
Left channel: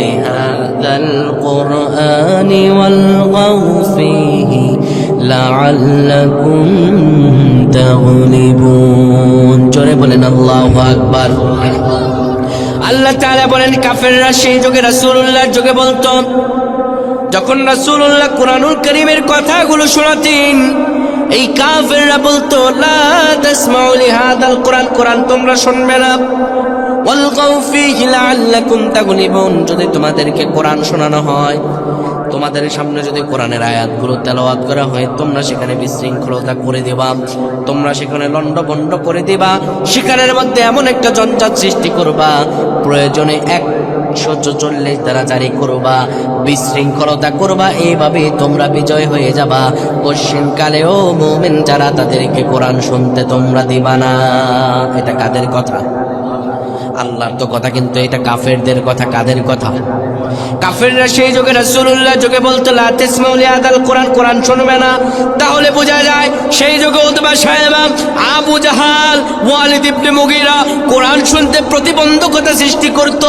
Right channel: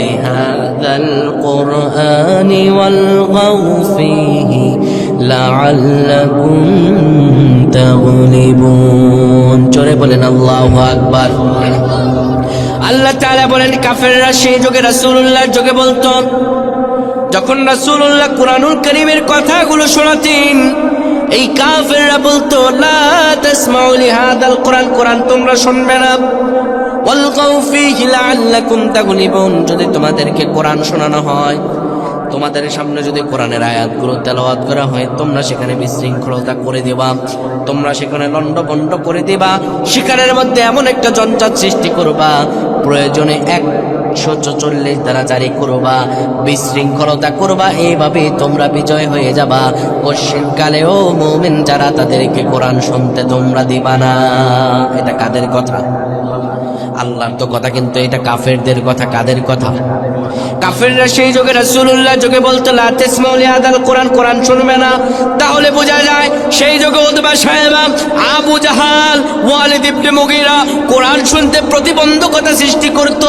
লিহাযাল কুরআনি ওয়ালগাউ ফীহি লাআল্লাকুম তাগলিবুন। জোরে বলেন আল্লাহু আকবার। আল্লাহ তাআলা বলেন কাফেররা সেই যুগে রাসূলুল্লাহর যুগে বলতো, যখন রাসূলুল্লাহ কুরআনুল কারীমের কথাগুলো শোনাতেন, এই কাফেররা বলতো লা তাসমাউ লিহাযাল কুরআন, কোরআন তোমরা শুনবে না, ওয়ালগাউ ফীহি লাআল্লাকুম তাগলিবুন, যদি তোমাদেরকে কোরআন শোনানো হয়, তোমাদের সামনে যদি কোরআনের আয়াতগুলো তেলাওয়াত করা হয়, তোমরা সেখানে বিশৃঙ্খলতা করে দেবা, তোমরা সেখানে লন্ডভন্ড করে দিবা, সেখানের মধ্যে এমন একটা জঞ্জাট সৃষ্টি করবা, প্রয়োজনে 144 দ্বারা জারি করবা, বিশৃঙ্খলতা করবা, এইভাবে তোমরা বিজয় হয়ে যাবা। কোশ্চেন কালেও মুমিন যারা তাদেরকে কোরআন শুনতে তোমরা দিবা না। এটা কাদের কথা? আল্লাহর তো কথা, কিন্তু এটা কাফেরদের কথা। কাদের কথা? কাফেররা সেই যুগে রাসূলুল্লাহ যুগে বলতো লা তাসমাউ লিহাদাল কোরআন, কোরআন শুনবে না। তাহলে বোঝা যায় সেই যুগে উতবা সাহেবা, আবু জাহাল, ওয়ালিদ ইবনে মুগীরা কোরআন শুনতে প্রতিবন্ধকতা সৃষ্টি করত।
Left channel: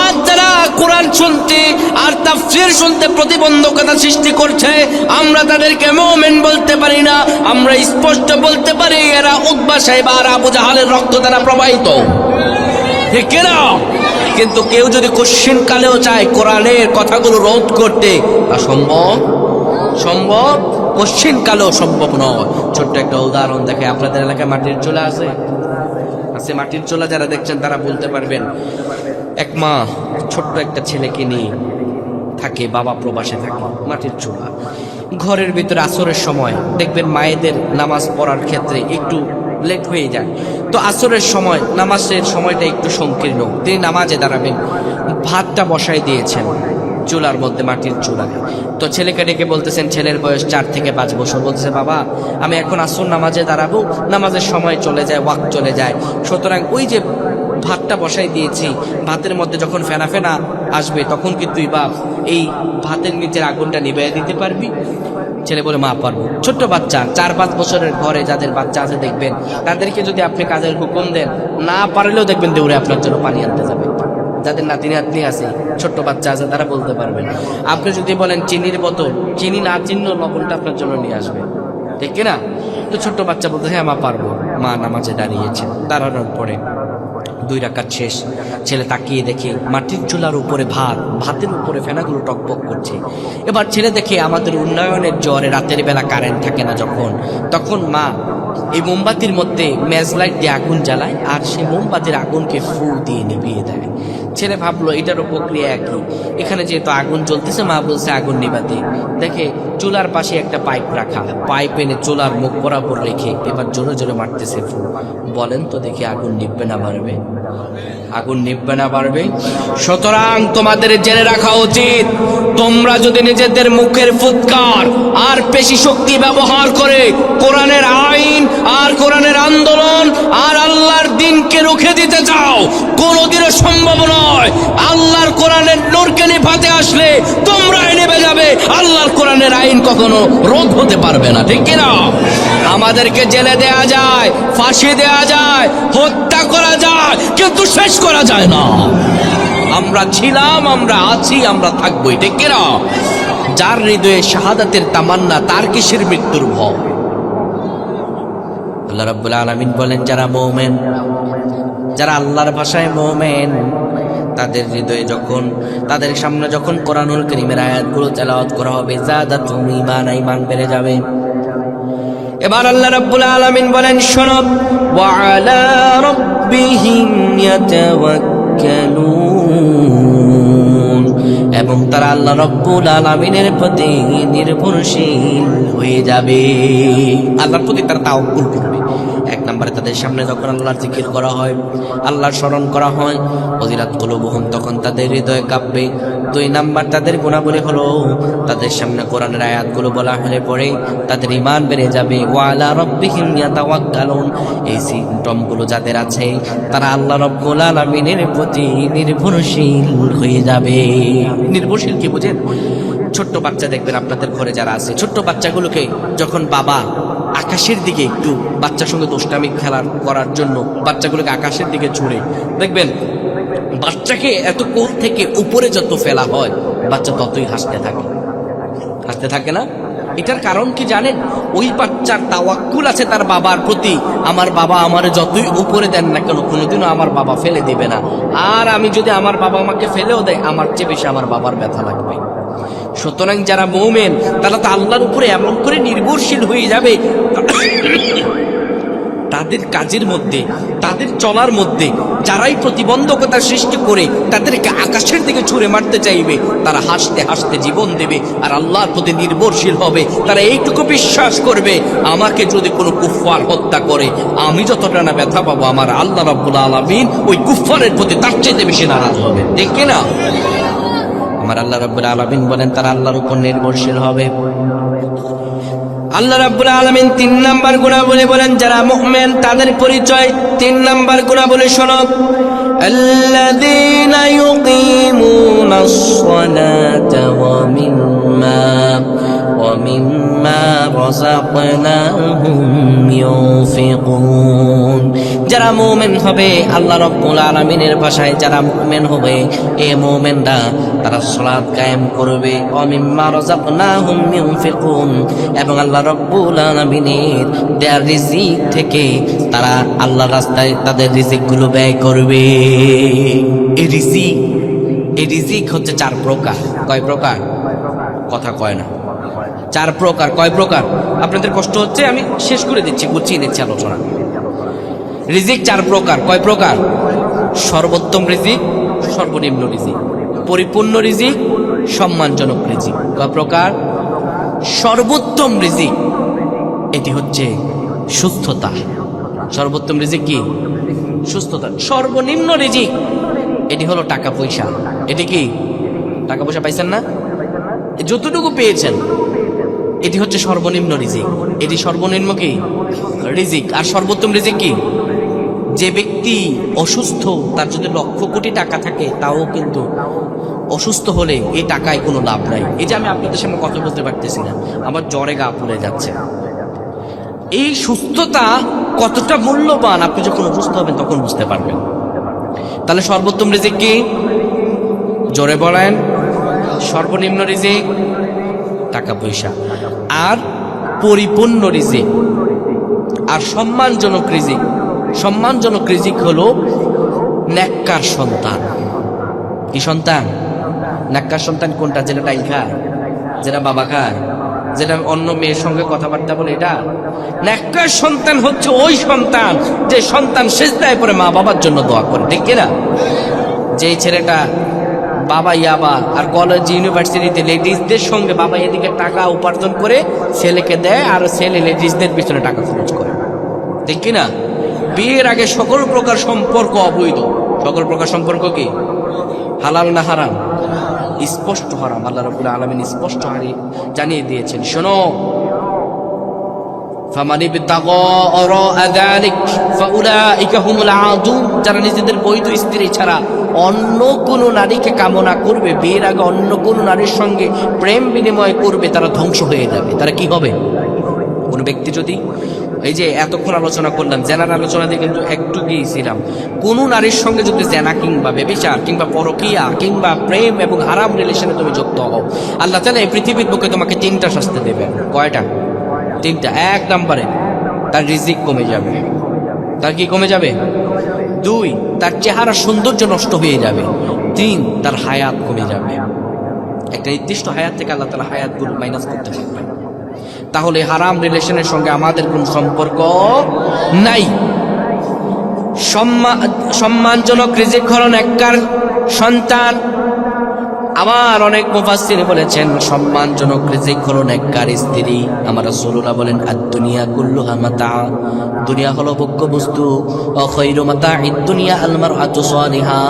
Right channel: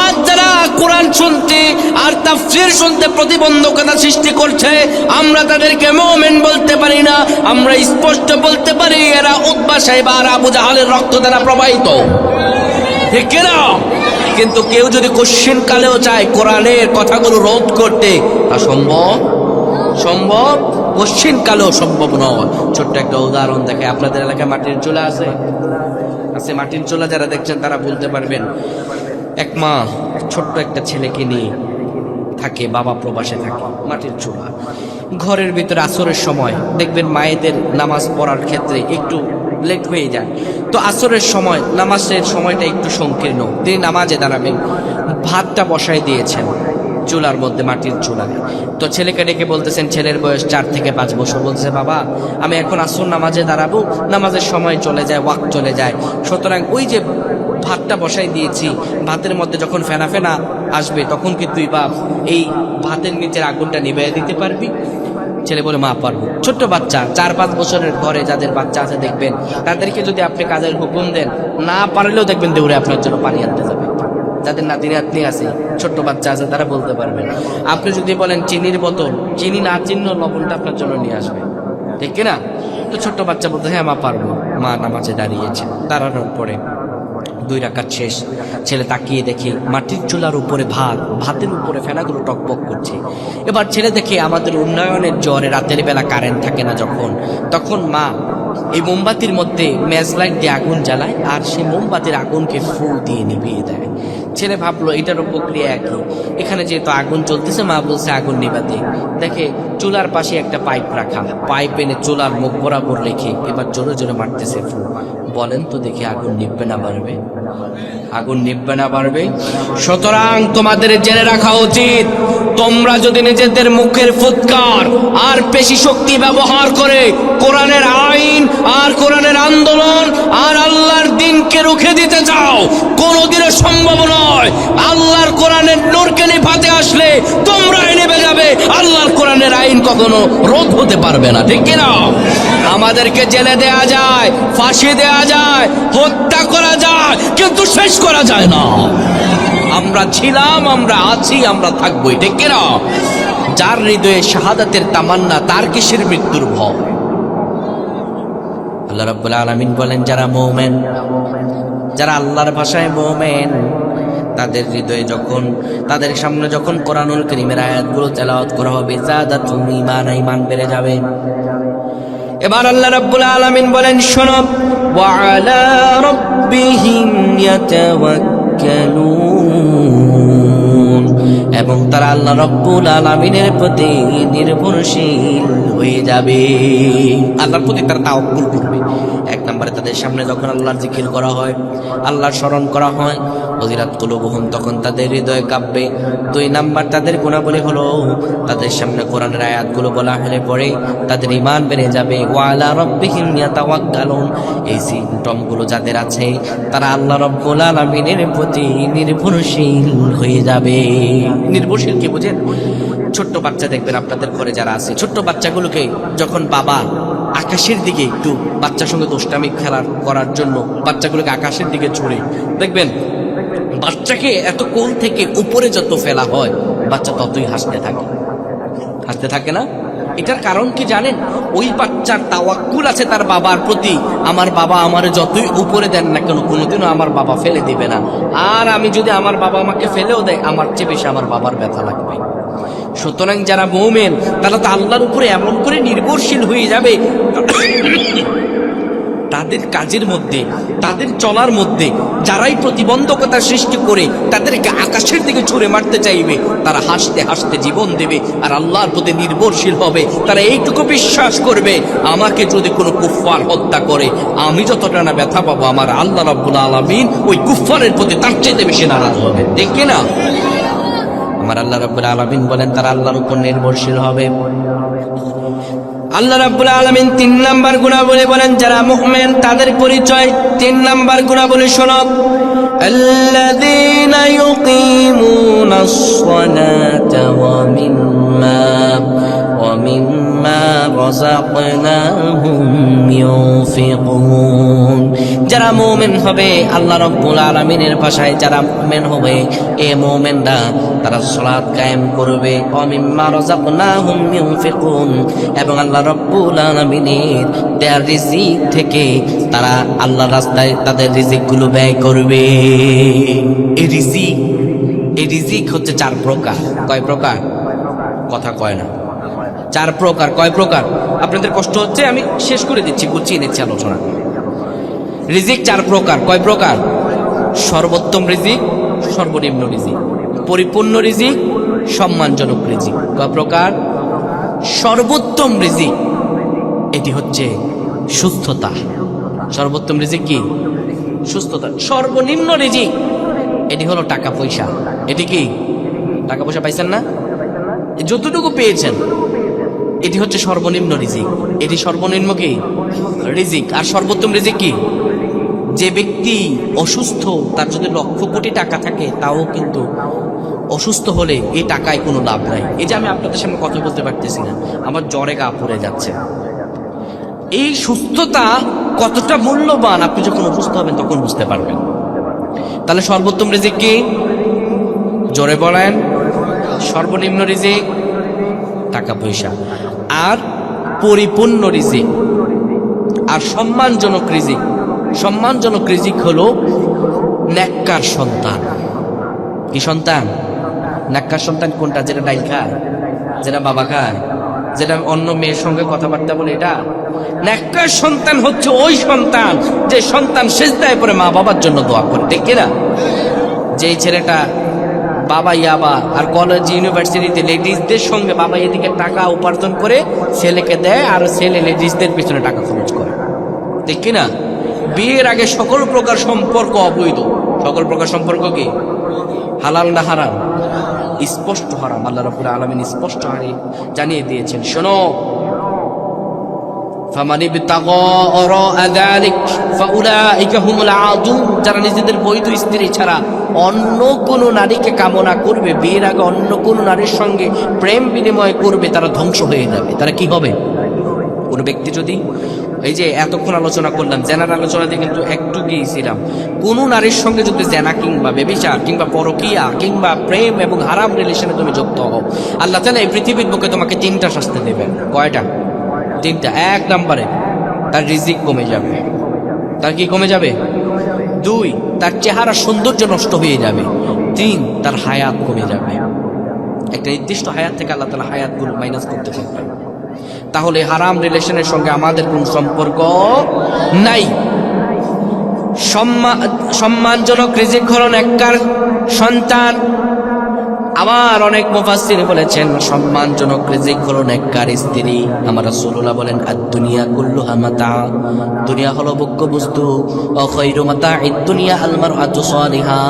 আর যারা কোরআন শুনতে আর তাফসীর শুনতে প্রতিবন্ধকতা সৃষ্টি করছে, আমরা তাদেরকে মুমিন বলতে পারি না। আমরা স্পষ্ট বলতে পারি এরা উতবা সাহেবা আর আবু জাহালের রক্ত দ্বারা প্রবাহিত, ঠিক কিনা? কিন্তু কেউ যদি কোশ্চেন কালেও চায় কোরআনের কথাগুলো রোধ করতে, তা সম্ভব কোশ্চেন কালেও সম্ভব নয়। ছোট্ট একটা উদাহরণ দেখে, আপনাদের এলাকায় মাটির চুলা আছে? মাটির চুলা যারা দেখছেন তারা বলতে পারবেন। এক মা ছোট্ট একটা ছেলেকে নিয়ে থাকে, বাবা প্রবাসে থাকে। মাটির চুলা, ঘরের ভিতরে আসরের সময় দেখবেন মায়েদের নামাজ পড়ার ক্ষেত্রে একটু লেট হয়ে যায়। তো আসরের সময় নামাজের সময়টা একটু সংকীর্ণ, তিনি নামাজে দাঁড়াবেন, ভাতটা বসাই দিয়েছেন চুলার মধ্যে, মাটির চুলায়। তো ছেলেকে ডেকে বলতেছেন, ছেলের বয়স 4 থেকে 5 বছর, বলতেছে বাবা আমি এখন আসর নামাজে দাঁড়াবো, নামাজের সময় চলে যায়, ওয়াক্ত চলে যায়, সুতরাং ওই যে ভাতটা বসাই দিয়েছি, ভাতের মধ্যে যখন ফেনা ফেনা আসবে তখন কি তুই বাপ এই ভাতের নিচের আগুনটা নিভিয়ে দিতে পারবি? ছেলে বলে মা পারবো। ছোট্ট বাচ্চা, 4-5 বছরের ঘরে যাদের বাচ্চা আছে দেখবেন, তাদেরকে যদি আপনি কাজের হুকুম দেন, না পারলেও দেখবেন দৌড়ে আপনার জন্য পানি আনতে যাবে। যাদের নাতি নাতনি আছে, ছোট্ট বাচ্চা আছে, তারা বলতে পারবেন। আপনি যদি বলেন চিনির বোতল, চিনি না চিহ্ন লবণটা আপনার জন্য নিয়ে আসবে, ঠিক কিনা? তো ছোট্ট বাচ্চা বলতে হ্যাঁ মা পারবো। মা নামাজে দাঁড়িয়েছে, দাঁড়ানোর পরে 2 রাকাত শেষ, ছেলে তাকিয়ে দেখে মাটির চুলার উপরে ভাতের উপরে ফেনাগুলো টকবক করছে। এবার ছেলে দেখে আমাদের উন্নয়নের জ্বরে রাতের বেলা কারেন্ট থাকে না যখন, তখন মা এই মোমবাতির মধ্যে মেজলাইট দিয়ে আগুন জ্বালায় আর সেই মোমবাতির আগুনকে ফু দিয়ে নিভিয়ে দেয়। ছেলে ভাবলো এটারও প্রক্রিয়া একই, এখানে যেহেতু আগুন জ্বলতেছে মা বলছে আগুন নিভাতে। দেখে চুলার পাশে একটা পাইপ রাখা, পাইপ এনে চুলার মুখ বরাবর রেখে এবার জোরে জোরে মারতেছে ফু। বলেন তো দেখি আগুন নিভবে না বাড়বে? আগুন নিভবে না বাড়বে? সুতরাং তোমাদের জেনে রাখা উচিত, তোমরা যদি নিজেদের মুখের ফুৎকার আর পেশি শক্তি ব্যবহার করে কোরআনের আইন আর কোরআনের আন্দোলন আর আল্লাহর দ্বীনকে রুখে দিতে চাও, কোনোদিনও সম্ভব নয়। আল্লাহর কোরআনের নূরকে নিভাতে আসলে তোমরাই নেবে যাবে, আল্লাহর কোরআনের আইন কখনো রোধ হতে পারবে না, ঠিক কিনা? আমাদেরকে জেলে দেয়া যায়, ফাঁসি দেয়া যায়, হত্যা করা যায়, কিন্তু শেষ করা যায় না। আমরা ছিলাম, আমরা আছি, আমরা থাকবোই, ঠিক কিনা? যার হৃদয়ে শাহাদাতের তামান্না, তার কিসের মৃত্যুর ভয়? আল্লাহ রাব্বুল আলামিন বলেন, যারা মুমিন, যারা আল্লাহর ভাষায় মুমিন, তাদের হৃদয়ে যখন, তাদের সামনে যখন কোরআনুল কারীমের আয়াতগুলো তেলাওয়াত করা হবে, যাদাতুহুম ঈমানান, ঈমান বেড়ে যাবে। এবার আল্লাহ রাব্বুল আলামিন বলেন, শোনো, ওয়া আলা রাব্বিহিম ইয়াতাওয়াক্কালুন, এবং তারা আল্লাহ রাব্বুল আলামিনের প্রতি নির্ভরশীল হয়ে যাবে, আল্লাহর প্রতি তারা তাওয়াক্কুল করবে। 1 নম্বরে তাদের সামনে যখন আল্লাহর জিকির করা হয়, আল্লাহর স্মরণ করা হয়, ওয়াজিলাত কুলুবুহুম, তখন তাদের হৃদয় কাঁপবে। 2 নাম্বার তাদের গুণাবলী হলো, তাদের সামনে কোরআনের আয়াতগুলো বলা হলে পরে তাদের ঈমান বেড়ে যাবে। ওয়া আলা রাব্বিহিম ইয়াতাওয়াক্কালুন, এই সিম্পটমগুলো যাদের আছে, তারা আল্লাহ রাব্বুল আলামিনের প্রতি নির্ভরশীল হয়ে যাবে। নির্ভরশীল কি বুঝেন? ছোট্ট বাচ্চা দেখবেন আপনাদের ঘরে যারা আছে, ছোট্ট বাচ্চাগুলোকে যখন বাবা আকাশের দিকে একটু বাচ্চার সঙ্গে দোস্তামি খেলার করার জন্য বাচ্চাগুলোকে আকাশের দিকে ছুড়ে, দেখবেন বাচ্চাকে এত কোল থেকে উপরে যত ফেলা হয় বাচ্চা ততই হাসতে থাকে না? এটার কারণ কি জানেন? ওই বাচ্চার তাওয়াক্কুল আছে তার বাবার প্রতি, আমার বাবা আমারে যতই উপরে দেন না কেন কোনোদিনও আমার বাবা ফেলে দিবে না, আর আমি যদি আমার বাবা আমাকে ফেলেও দেয় আমার চেয়ে বেশি আমার বাবার ব্যথা লাগবে। সুতরাং যারা মুমিন তারা তো আল্লাহর উপরে এমন করে নির্ভরশীল হয়ে যাবে, তাদের কাজের মধ্যে, তাদের চলার মধ্যে, যারাই প্রতিবন্ধকতা সৃষ্টি করে তাদেরকে আকাশের দিকে ছুঁড়ে মারতে চাইবে, তারা হাসতে হাসতে জীবন দেবে আর আল্লাহর প্রতি নির্ভরশীল হবে। তারা এইটুকু বিশ্বাস করবে, আমাকে যদি কোনো কুফফার হত্যা করে আমি যতটা না ব্যথা পাবো, আমার আল্লাহ রাব্বুল আলামিন ওই কুফফারের প্রতি তার চাইতে বেশি নারাজ হবে। ঠিক কিনা? আমার আল্লাহ রাব্বুল আলামিন বলেন তারা আল্লাহর উপর নির্ভরশীল হবে। আল্লাহ রাব্বুল আলামিন 3 নাম্বার গুণাবলী বলেন, যারা মুমিন তাদের পরিচয় 3 নাম্বার গুণাবলী শোনো। الذين يقيمون الصلاة ومما رزقناهم ينفقون। যারা মুমিন হবে, আল্লাহ রাব্বুল আলামিনের ভাষায় যারা মুমিন হবে, এই মুমিনরা তারা সালাত কায়েম করবে, ওমিম্মা রাযাকনাহুম ইউনফিকুন, এবং আল্লাহ রাব্বুল আলামিনের দেয়া রিজিক থেকে তারা আল্লাহর রাস্তায় তাদের রিজিকগুলো ব্যয় করবে। এই রিজিক হচ্ছে 4 প্রকার। কয় প্রকার? কথা কয় না। 4 প্রকার। কয় প্রকার? আপনাদের কষ্ট হচ্ছে, আমি শেষ করে দিচ্ছি, গুছিয়ে নিচ্ছি আলোচনা। রিজিক 4 প্রকার। কয় প্রকার? সর্বোত্তম রিজিক, সর্বনিম্ন রিজিক, পরিপূর্ণ রিজিক, সম্মানজনক রিজিক। কয় প্রকার? সর্বোত্তম রিজিক এটি হচ্ছে সুস্থতা। সর্বোত্তম রিজিক কি? সুস্থতা। সর্বনিম্ন রিজিক এটি হলো টাকা পয়সা। এটি কি? টাকা পয়সা পাইছেন না? যতটুকু পেয়েছেন এটি হচ্ছে সর্বনিম্ন রিজিক। এটি সর্বনিম্ন কি? রিজিক। আর সর্বোত্তম রিজিক কি? যে ব্যক্তি অসুস্থ, তার যদি লক্ষ কোটি টাকা থাকে তাও কিন্তু অসুস্থ হলে এই টাকায় কোনো লাভ নাই। এই যে আমি আপনাদের সামনে কথা বলতে পারতেছি না, আমার জ্বরে গা পুড়ে যাচ্ছে। এই সুস্থতা কতটা মূল্যবান আপনি যখন অসুস্থ হবেন তখন বুঝতে পারবেন। তাহলে সর্বোত্তম রিজিক কি? জোরে বলেন। সর্বনিম্ন রিজিক টাকা পয়সা। আর পরিপূর্ণ রিজিক আর সম্মানজনক রিজিক। সম্মানজনক রিজিক হলো নেককার সন্তান। কি সন্তান? নেককার সন্তান কোনটা? যেটা ডাইল খায়, যেটা বাবা খায়, যেটা অন্য মেয়ের সঙ্গে কথাবার্তা বলে, এটা নেককার সন্তান হচ্ছে ওই সন্তান যে সন্তান সিজদায় পড়ে মা বাবার জন্য দোয়া করে। ঠিক কিনা? যেই ছেলেটা বাবা ইয়াবা আর কলেজ ইউনিভার্সিটিতে লেডিসদের সঙ্গে বাবা এদিকে টাকা উপার্জন করে ছেলেকে দেয় আর ছেলে লেডিসদের পিছনে টাকা খরচ করে। ঠিক কিনা? বিয়ের আগে সকল প্রকার সম্পর্ক অবৈধ। সকল প্রকার সম্পর্ক কি? হালাল না হারাম? স্পষ্ট হারাম। আল্লাহ রাব্বুল আলামিন স্পষ্ট জানিয়ে দিয়েছেন, শোনো, ফামানি বিতাগা ওয়ারা যালিক ফাউলাইকা হুমুল আদুন। যারা নিজেদের বৈধ স্ত্রী ছাড়া অন্য কোন নারীকে কামনা করবে, বিয়ের আগে অন্য কোন নারীর সঙ্গে প্রেম বিনিময় করবে, তারা ধ্বংস হয়ে যাবে। তারা কি হবে? কোন ব্যক্তি যদি, এই যে এতক্ষণ আলোচনা করলাম, জেনার আলোচনা দিয়ে কিন্তু একটু গিয়েছিলাম, কোন নারীর সঙ্গে যদি জেনা কিংবা ব্যভিচার কিংবা পরকিয়া কিংবা প্রেম এবং হারাম রিলেশনে তুমি যুক্ত হও, আল্লাহ তাআলা এই পৃথিবীর বুকে তোমাকে 3টা শাস্তি দেবেন। কয়টা? 3টা। 1 নম্বরে তার রিজিক কমে যাবে। তার কি কমে যাবে? 2, তার চেহারা সৌন্দর্য নষ্ট হয়ে যাবে। 3, তার হায়াত কমে যাবে। একটা নির্দিষ্ট হায়াত থেকে আল্লাহ তাআলা হায়াতগুলো মাইনাস করতে থাকবেন। তাহলে হারাম রিলেশনের সঙ্গে আমাদের কোন সম্পর্ক নাই। সম্মানজনক রিজিক হলো নেককার সন্তান। আবার অনেক মুফাসসির বলেছেন সম্মানজনক রিজিক হলো নেককার স্ত্রী। আমার রাসূলুল্লাহ বলেন, আদ-দুনিয়া কুল্লুহা মাতা, দুনিয়া হলো ভোগ্য বস্তু। ও খায়রু মাতা'id দুনিয়া আল মারআতু সালিহা,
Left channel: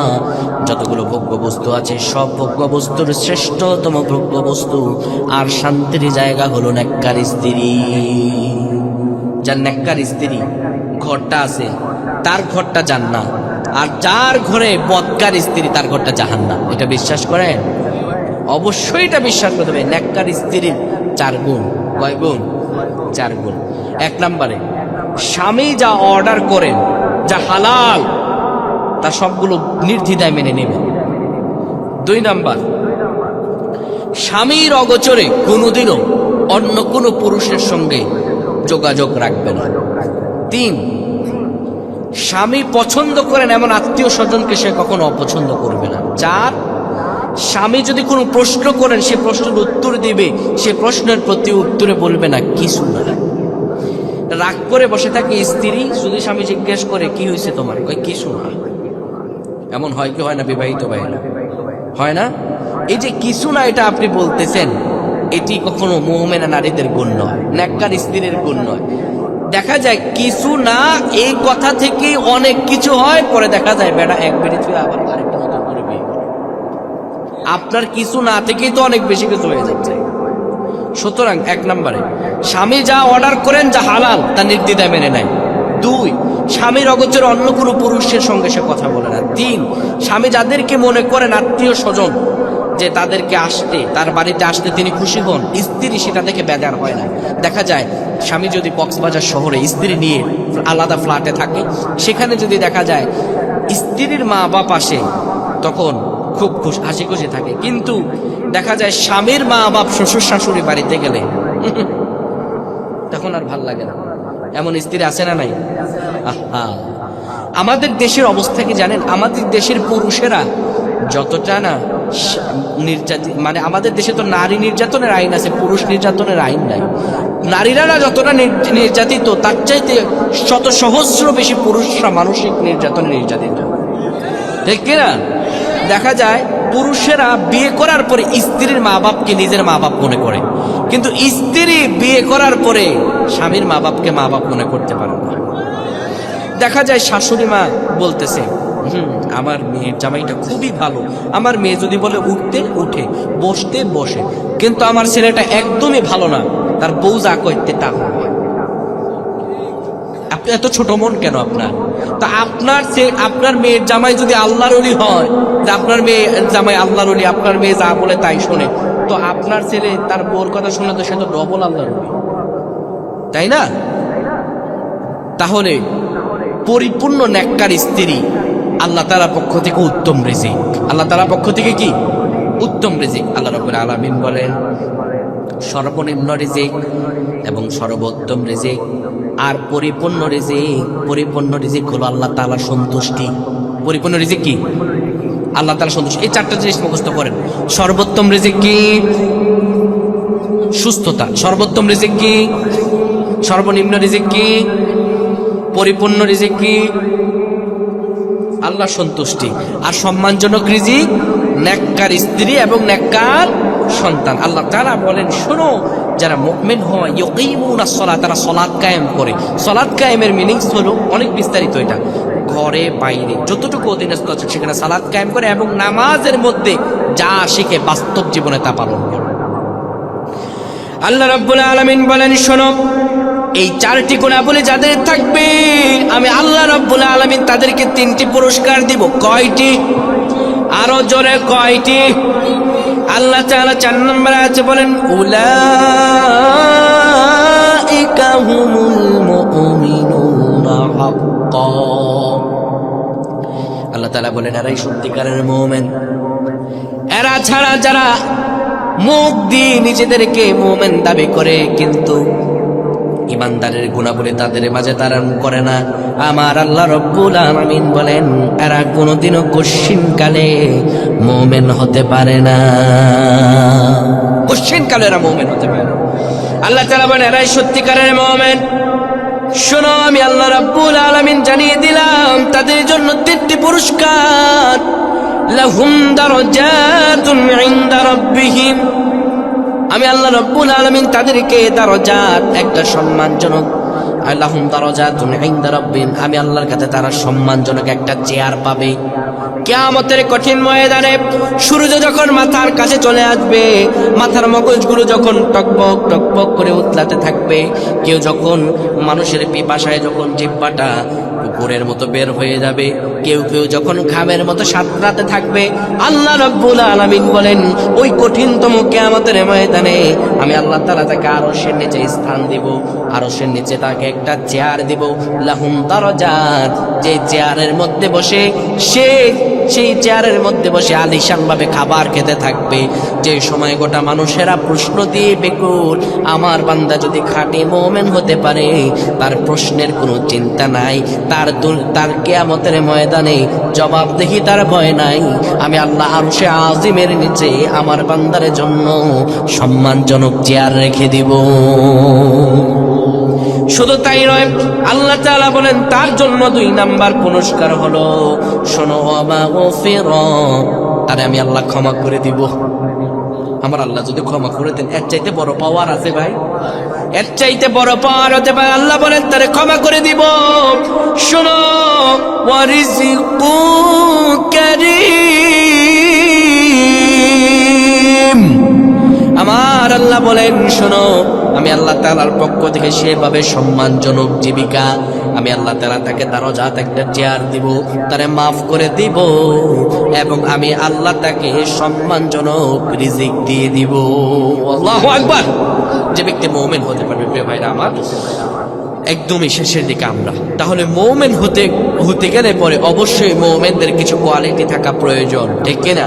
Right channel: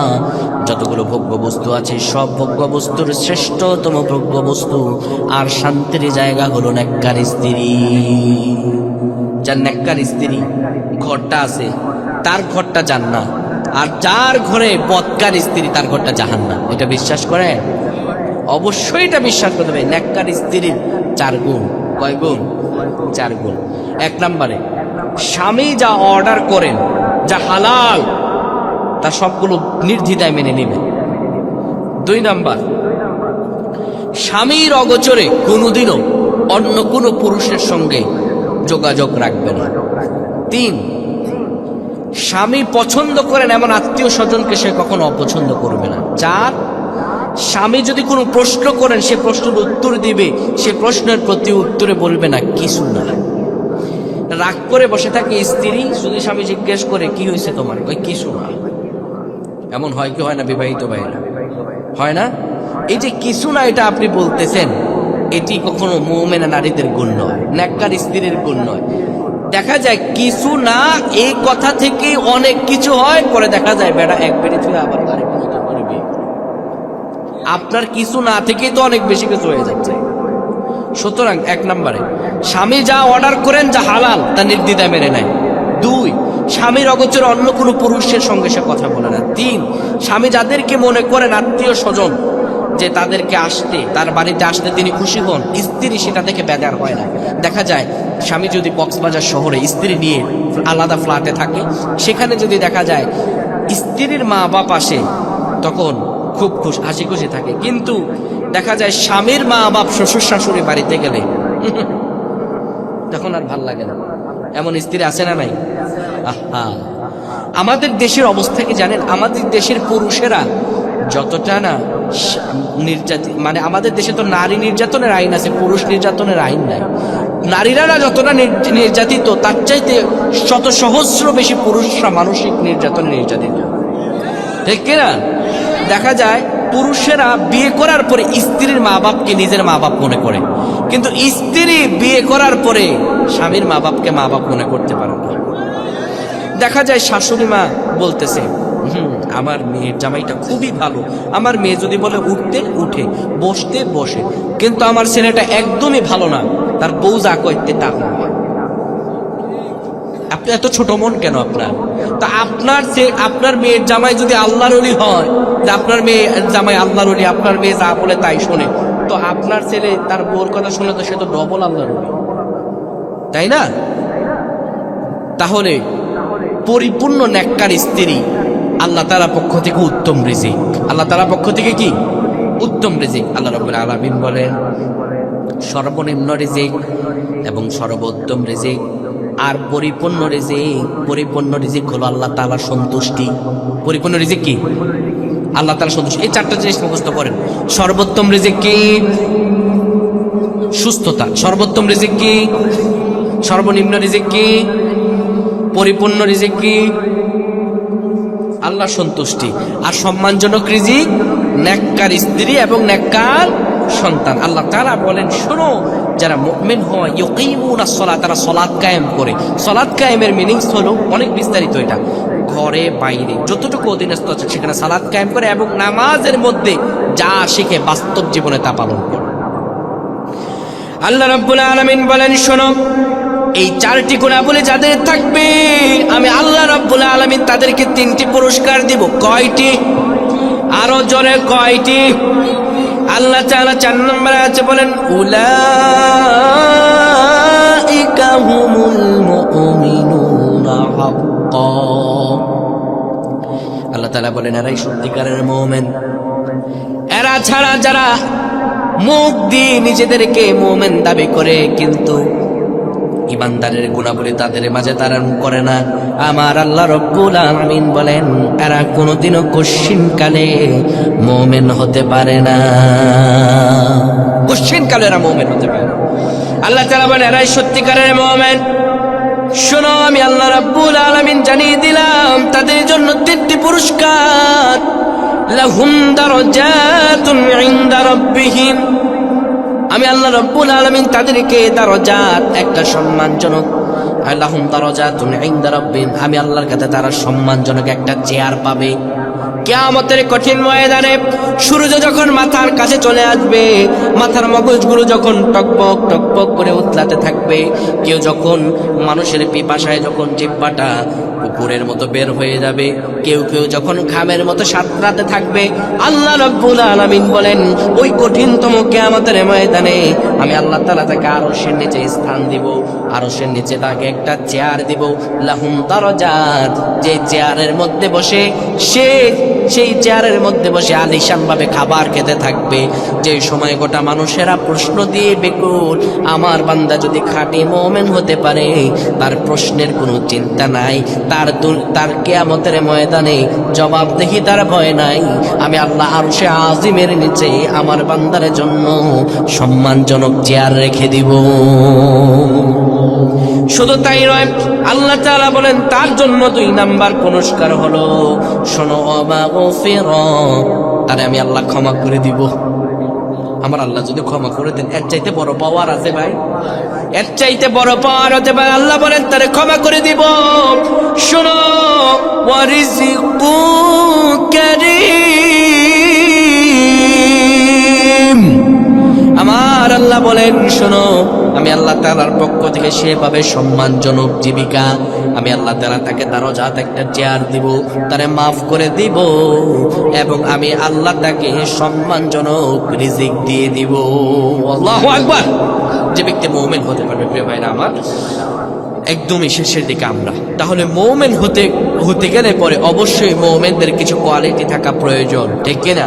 যতগুলো ভোগ্য বস্তু আছে সব ভোগ্য বস্তুর শ্রেষ্ঠতম ভোগ্য বস্তু আর শান্তির জায়গা হলো নেককার স্ত্রী। যার নেককার স্ত্রী ঘরটা আছে তার ঘরটা জান্নাত, আর যার ঘরে বদকার স্ত্রী তার ঘরটা জাহান্নাম। এটা বিশ্বাস করেন? অবশ্যই এটা বিশ্বাস করতে হবে। নেককার স্ত্রীর 4 গুণ। কয় গুণ? 4 গুণ। 1 নম্বরে, স্বামী যা অর্ডার করেন, যা হালাল, তা সবগুলো নির্দ্বিধায় মেনে নেবেন। 2 নাম্বার, স্বামীর অগোচরে কোনোদিনও অন্য কোনো পুরুষের সঙ্গে যোগাযোগ রাখবে না। 3, স্বামী পছন্দ করেন এমন আত্মীয় স্বজনকে সে কখনো অপছন্দ করবে না। 4, স্বামী যদি কোনো প্রশ্ন করেন সে প্রশ্নের উত্তর দিবে, সে প্রশ্নের প্রতি উত্তরে বলবে না কিছু না। রাগ করে বসে থাকে স্ত্রী, যদি স্বামী জিজ্ঞেস করে কি হয়েছে তোমার, কয় কিছু না। এমন হয় কি হয় না বিবাহিত ভাইয়েরা? হয় না? এই যে কিছু না এটা আপনি বলতেছেন, এটি কখনো মুমিনা নারীদের গুণ নয়, নেককার স্ত্রীর গুণ নয়। দেখা যায় কিছু না, এই কথা থেকেই অনেক কিছু হয়, পরে দেখা যায় বেটা এক বেড়ে ছুঁয়ে আবার আরেকটা নতুন করে বিয়ে করে। আপনার কিছু না থেকেই তো অনেক বেশি কিছু হয়ে যাচ্ছে। সুতরাং 1 নম্বরে স্বামী যা অর্ডার করেন, যা হালাল তা নির্দ্বিধায় মেনে নেয়। 2, স্বামীর অগোচরে অন্য কোনো পুরুষের সঙ্গে সে কথা বলে না। 3, স্বামী যাদেরকে মনে করেন আত্মীয় স্বজন, যে তাদেরকে আসতে, তার বাড়িতে আসতে তিনি খুশি হন, স্ত্রী সেটা দেখে বেজার হয় না। দেখা যায় স্বামী যদি কক্সবাজার শহরে স্ত্রী নিয়ে আলাদা ফ্ল্যাটে থাকে, সেখানে যদি দেখা যায় স্ত্রীর মা বাপ আসে, তখন খুব হাসি খুশি থাকে। কিন্তু দেখা যায় স্বামীর মা বাপ শ্বশুর শাশুড়ি বাড়িতে গেলে তখন আর ভাল লাগে না। এমন স্ত্রী আছে না নাই? আহা, আমাদের দেশের অবস্থা কি জানেন? আমাদের দেশের পুরুষেরা যতটা না নির্যাতিত, মানে আমাদের দেশে তো নারী নির্যাতনের আইন আছে, পুরুষ নির্যাতনের আইন নাই। নারীরা যতটা নির্যাতিত, তার চাইতে শত সহস্র বেশি পুরুষরা মানসিক নির্যাতনে নির্যাতিত, ঠিক কিনা? দেখা যায় পুরুষেরা বিয়ে করার পরে স্ত্রীর মা বাপকে নিজের মা বাপ মনে করে, কিন্তু স্ত্রী বিয়ে করার পরে স্বামীর মা বাপকে মা বাপ মনে করতে পারে না। দেখা যায় শাশুড়ি মা বলতেছে, আমার মেয়ের জামাইটা খুবই ভালো, আমার মেয়ে যদি বলে উঠতে উঠে, বসতে বসে, কিন্তু আমার ছেলেটা একদমই ভালো না, তার বউ যা করতে তা হবে। আপনি এত ছোট মন কেন আপনার? তা আপনার মেয়ের জামাই যদি আল্লাহর ওলি হয়, যে আপনার মেয়ে জামাই আল্লাহর ওলি, আপনার মেয়ে যা বলে তাই শোনে, তো আপনার ছেলে তার বউর কথা শুনে তো সে তো ডবল আল্লাহর ওলি, তাই না? তাহলে পরিপূর্ণ নেককার স্ত্রী আল্লাহ তাআলার পক্ষ থেকে উত্তম রিজিক। আল্লাহ তাআলার পক্ষ থেকে কি? উত্তম রিজিক। আল্লাহ রাব্বুল আলামিন বলেন, সর্বনিম্ন রিজিক এবং সর্বোত্তম রিজিক আর পরিপূর্ণ রিজিক। পরিপূর্ণ রিজিক হলো আল্লাহ তাআলার সন্তুষ্টি। পরিপূর্ণ রিজিক কি? আল্লাহ তাআলার সন্তুষ্টি। এই 4টা জিনিস মুখস্থ করেন। সর্বোত্তম রিজিক কি? সুস্থতা। সর্বোত্তম রিজিক কি? সর্বনিম্ন রিজিক কি? পরিপূর্ণ রিজিক কি? আল্লাহ সন্তুষ্টি। আর সম্মানজনক রিজিক নেককার স্ত্রী এবং নেককার সন্তান। আল্লাহ তাআলা বলেন, শোনো, যারা মুমিন হয় ইয়ুকিমুনাস সালাত, তারা সালাত কায়েম করে। সালাত কায়েমের মিনিংস হলো অনেক বিস্তারিত। এটা ঘরে বাইরে যতটুকু অধীনস্থ আছে সেখানে সালাত কায়েম করে এবং নামাজের মধ্যে যা শিখে বাস্তব জীবনে তা পালন করে। আল্লাহ রাব্বুল আলামিন বলেন, শোনো, এই 4টি গুণাবলী যাদের থাকবে, আমি আল্লাহ রাব্বুল আলামিন তাদেরকে 3টি পুরস্কার দিব। কয়টি? আরো জোরে কয়টি? আল্লাহ তাআলা 4 নম্বরে আছে, বলেন, উলাইকা হুমুল মুমিনুনা হাক্কান। আল্লাহ তাআলা বলেন, এরাই সত্যিকারের মুমিন। এরা ছাড়া যারা মুখ দিয়ে নিজেদেরকে মুমিন দাবি করে কিন্তু ইমানদারের গুণাবলী তাদের মাঝে ধারণ করে না, আমার আল্লাহ রাব্বুল আলামিন বলেন, এরা কোনোদিনও কশ্চিনকালে মুমিন হতে পারে না। কশ্চিনকালে এরা মুমিন হতে পারে না। আল্লাহ তাআলা বলেন, এরাই সত্যিকারের মুমিন। শোনো, আমি আল্লাহ রাব্বুল আলামিন জানিয়ে দিলাম তাদের জন্য 3টি পুরস্কার। লাহুম দারাজাতুন ইনদা রাব্বিহিম, আমি আল্লাহ রাব্বুল আলামিন তাদেরকে দারাজাত, একটা সম্মানজনক, লাহুম দারাজাতুন ইনদা রাব্বিহিম, আমি আল্লাহর কাছে তারা সম্মানজনক একটা চেয়ার পাবে। কিয়ামতের কঠিন ময়দানে সূর্য যখন মাথার কাছে চলে আসবে, মাথার মগজগুলো যখন টকবক টকবক করে উতলাতে থাকবে, কেউ যখন মানুষের পিপাসায় যখন জিহ্বাটা কুকুরের মতো বের হয়ে যাবে, কেউ কেউ যখন ঘামের মতো সাঁতরাতে থাকবে, আল্লাহ রাব্বুল আলামিন বলেন, ওই কঠিনতম কিয়ামতের ময়দানে আমি আল্লাহ তাআলা তাকে আরশের নিচে স্থান দিব, আরশের নিচে তাকে একটা চেয়ার দিব। লাহুম দারাজাত, যে চেয়ারের মধ্যে বসে সেই চেয়ারের মধ্যে বসে আলিশান ভাবে খাবার খেতে থাকবে। যে সময় গোটা মানুষেরা প্রশ্ন দিয়ে বেকুল, আমার বান্দা যদি খাঁটি মুমিন হতে পারে, তার প্রশ্নের কোনো চিন্তা নাই, তার কিয়ামতের ময়দানে জবাবদিহি তার ভয় নাই। আমি আল্লাহ আরশে আজিমের নিচে আমার বান্দার জন্য সম্মানজনক চেয়ার রেখে দিব। শুধু তাই নয়, আল্লাহ তাআলা বলেন তার জন্য 2 নাম্বার পুরস্কার হলো, শোনো, ওমা মাগফিরা, তারে আমি আল্লাহ ক্ষমা করে দিব। আমার আল্লাহ যদি ক্ষমা করে দেন, এর চাইতে বড় পাওয়ার আছে ভাই? এর চাইতে বড় পাওয়ার হতে পারে? আল্লাহ বলেন তারে ক্ষমা করে দিব। শোনো, ওয়ারিজিকু কারীম, আমার আল্লাহ বলেন শোনো, আমি আল্লাহ তাআলার পক্ষ থেকে সেভাবে সম্মানজনক জীবিকা, আমি আল্লাহ তাআলা তাকে দারজাত একটা চেয়ার দিব, তারে মাফ করে দিব, এবং আমি আল্লাহ তাকে সম্মানজনক রিজিক দিয়ে দিব। আল্লাহু আকবার। যে ব্যক্তি মুমিন হতে পারবে, প্রিয় ভাইরা আমার, একদমই শেষের দিকে আমরা, তাহলে মুমিন হতে গেলে পরে অবশ্যই মুমিনদের কিছু কোয়ালিটি থাকা প্রয়োজন, ঠিক কিনা?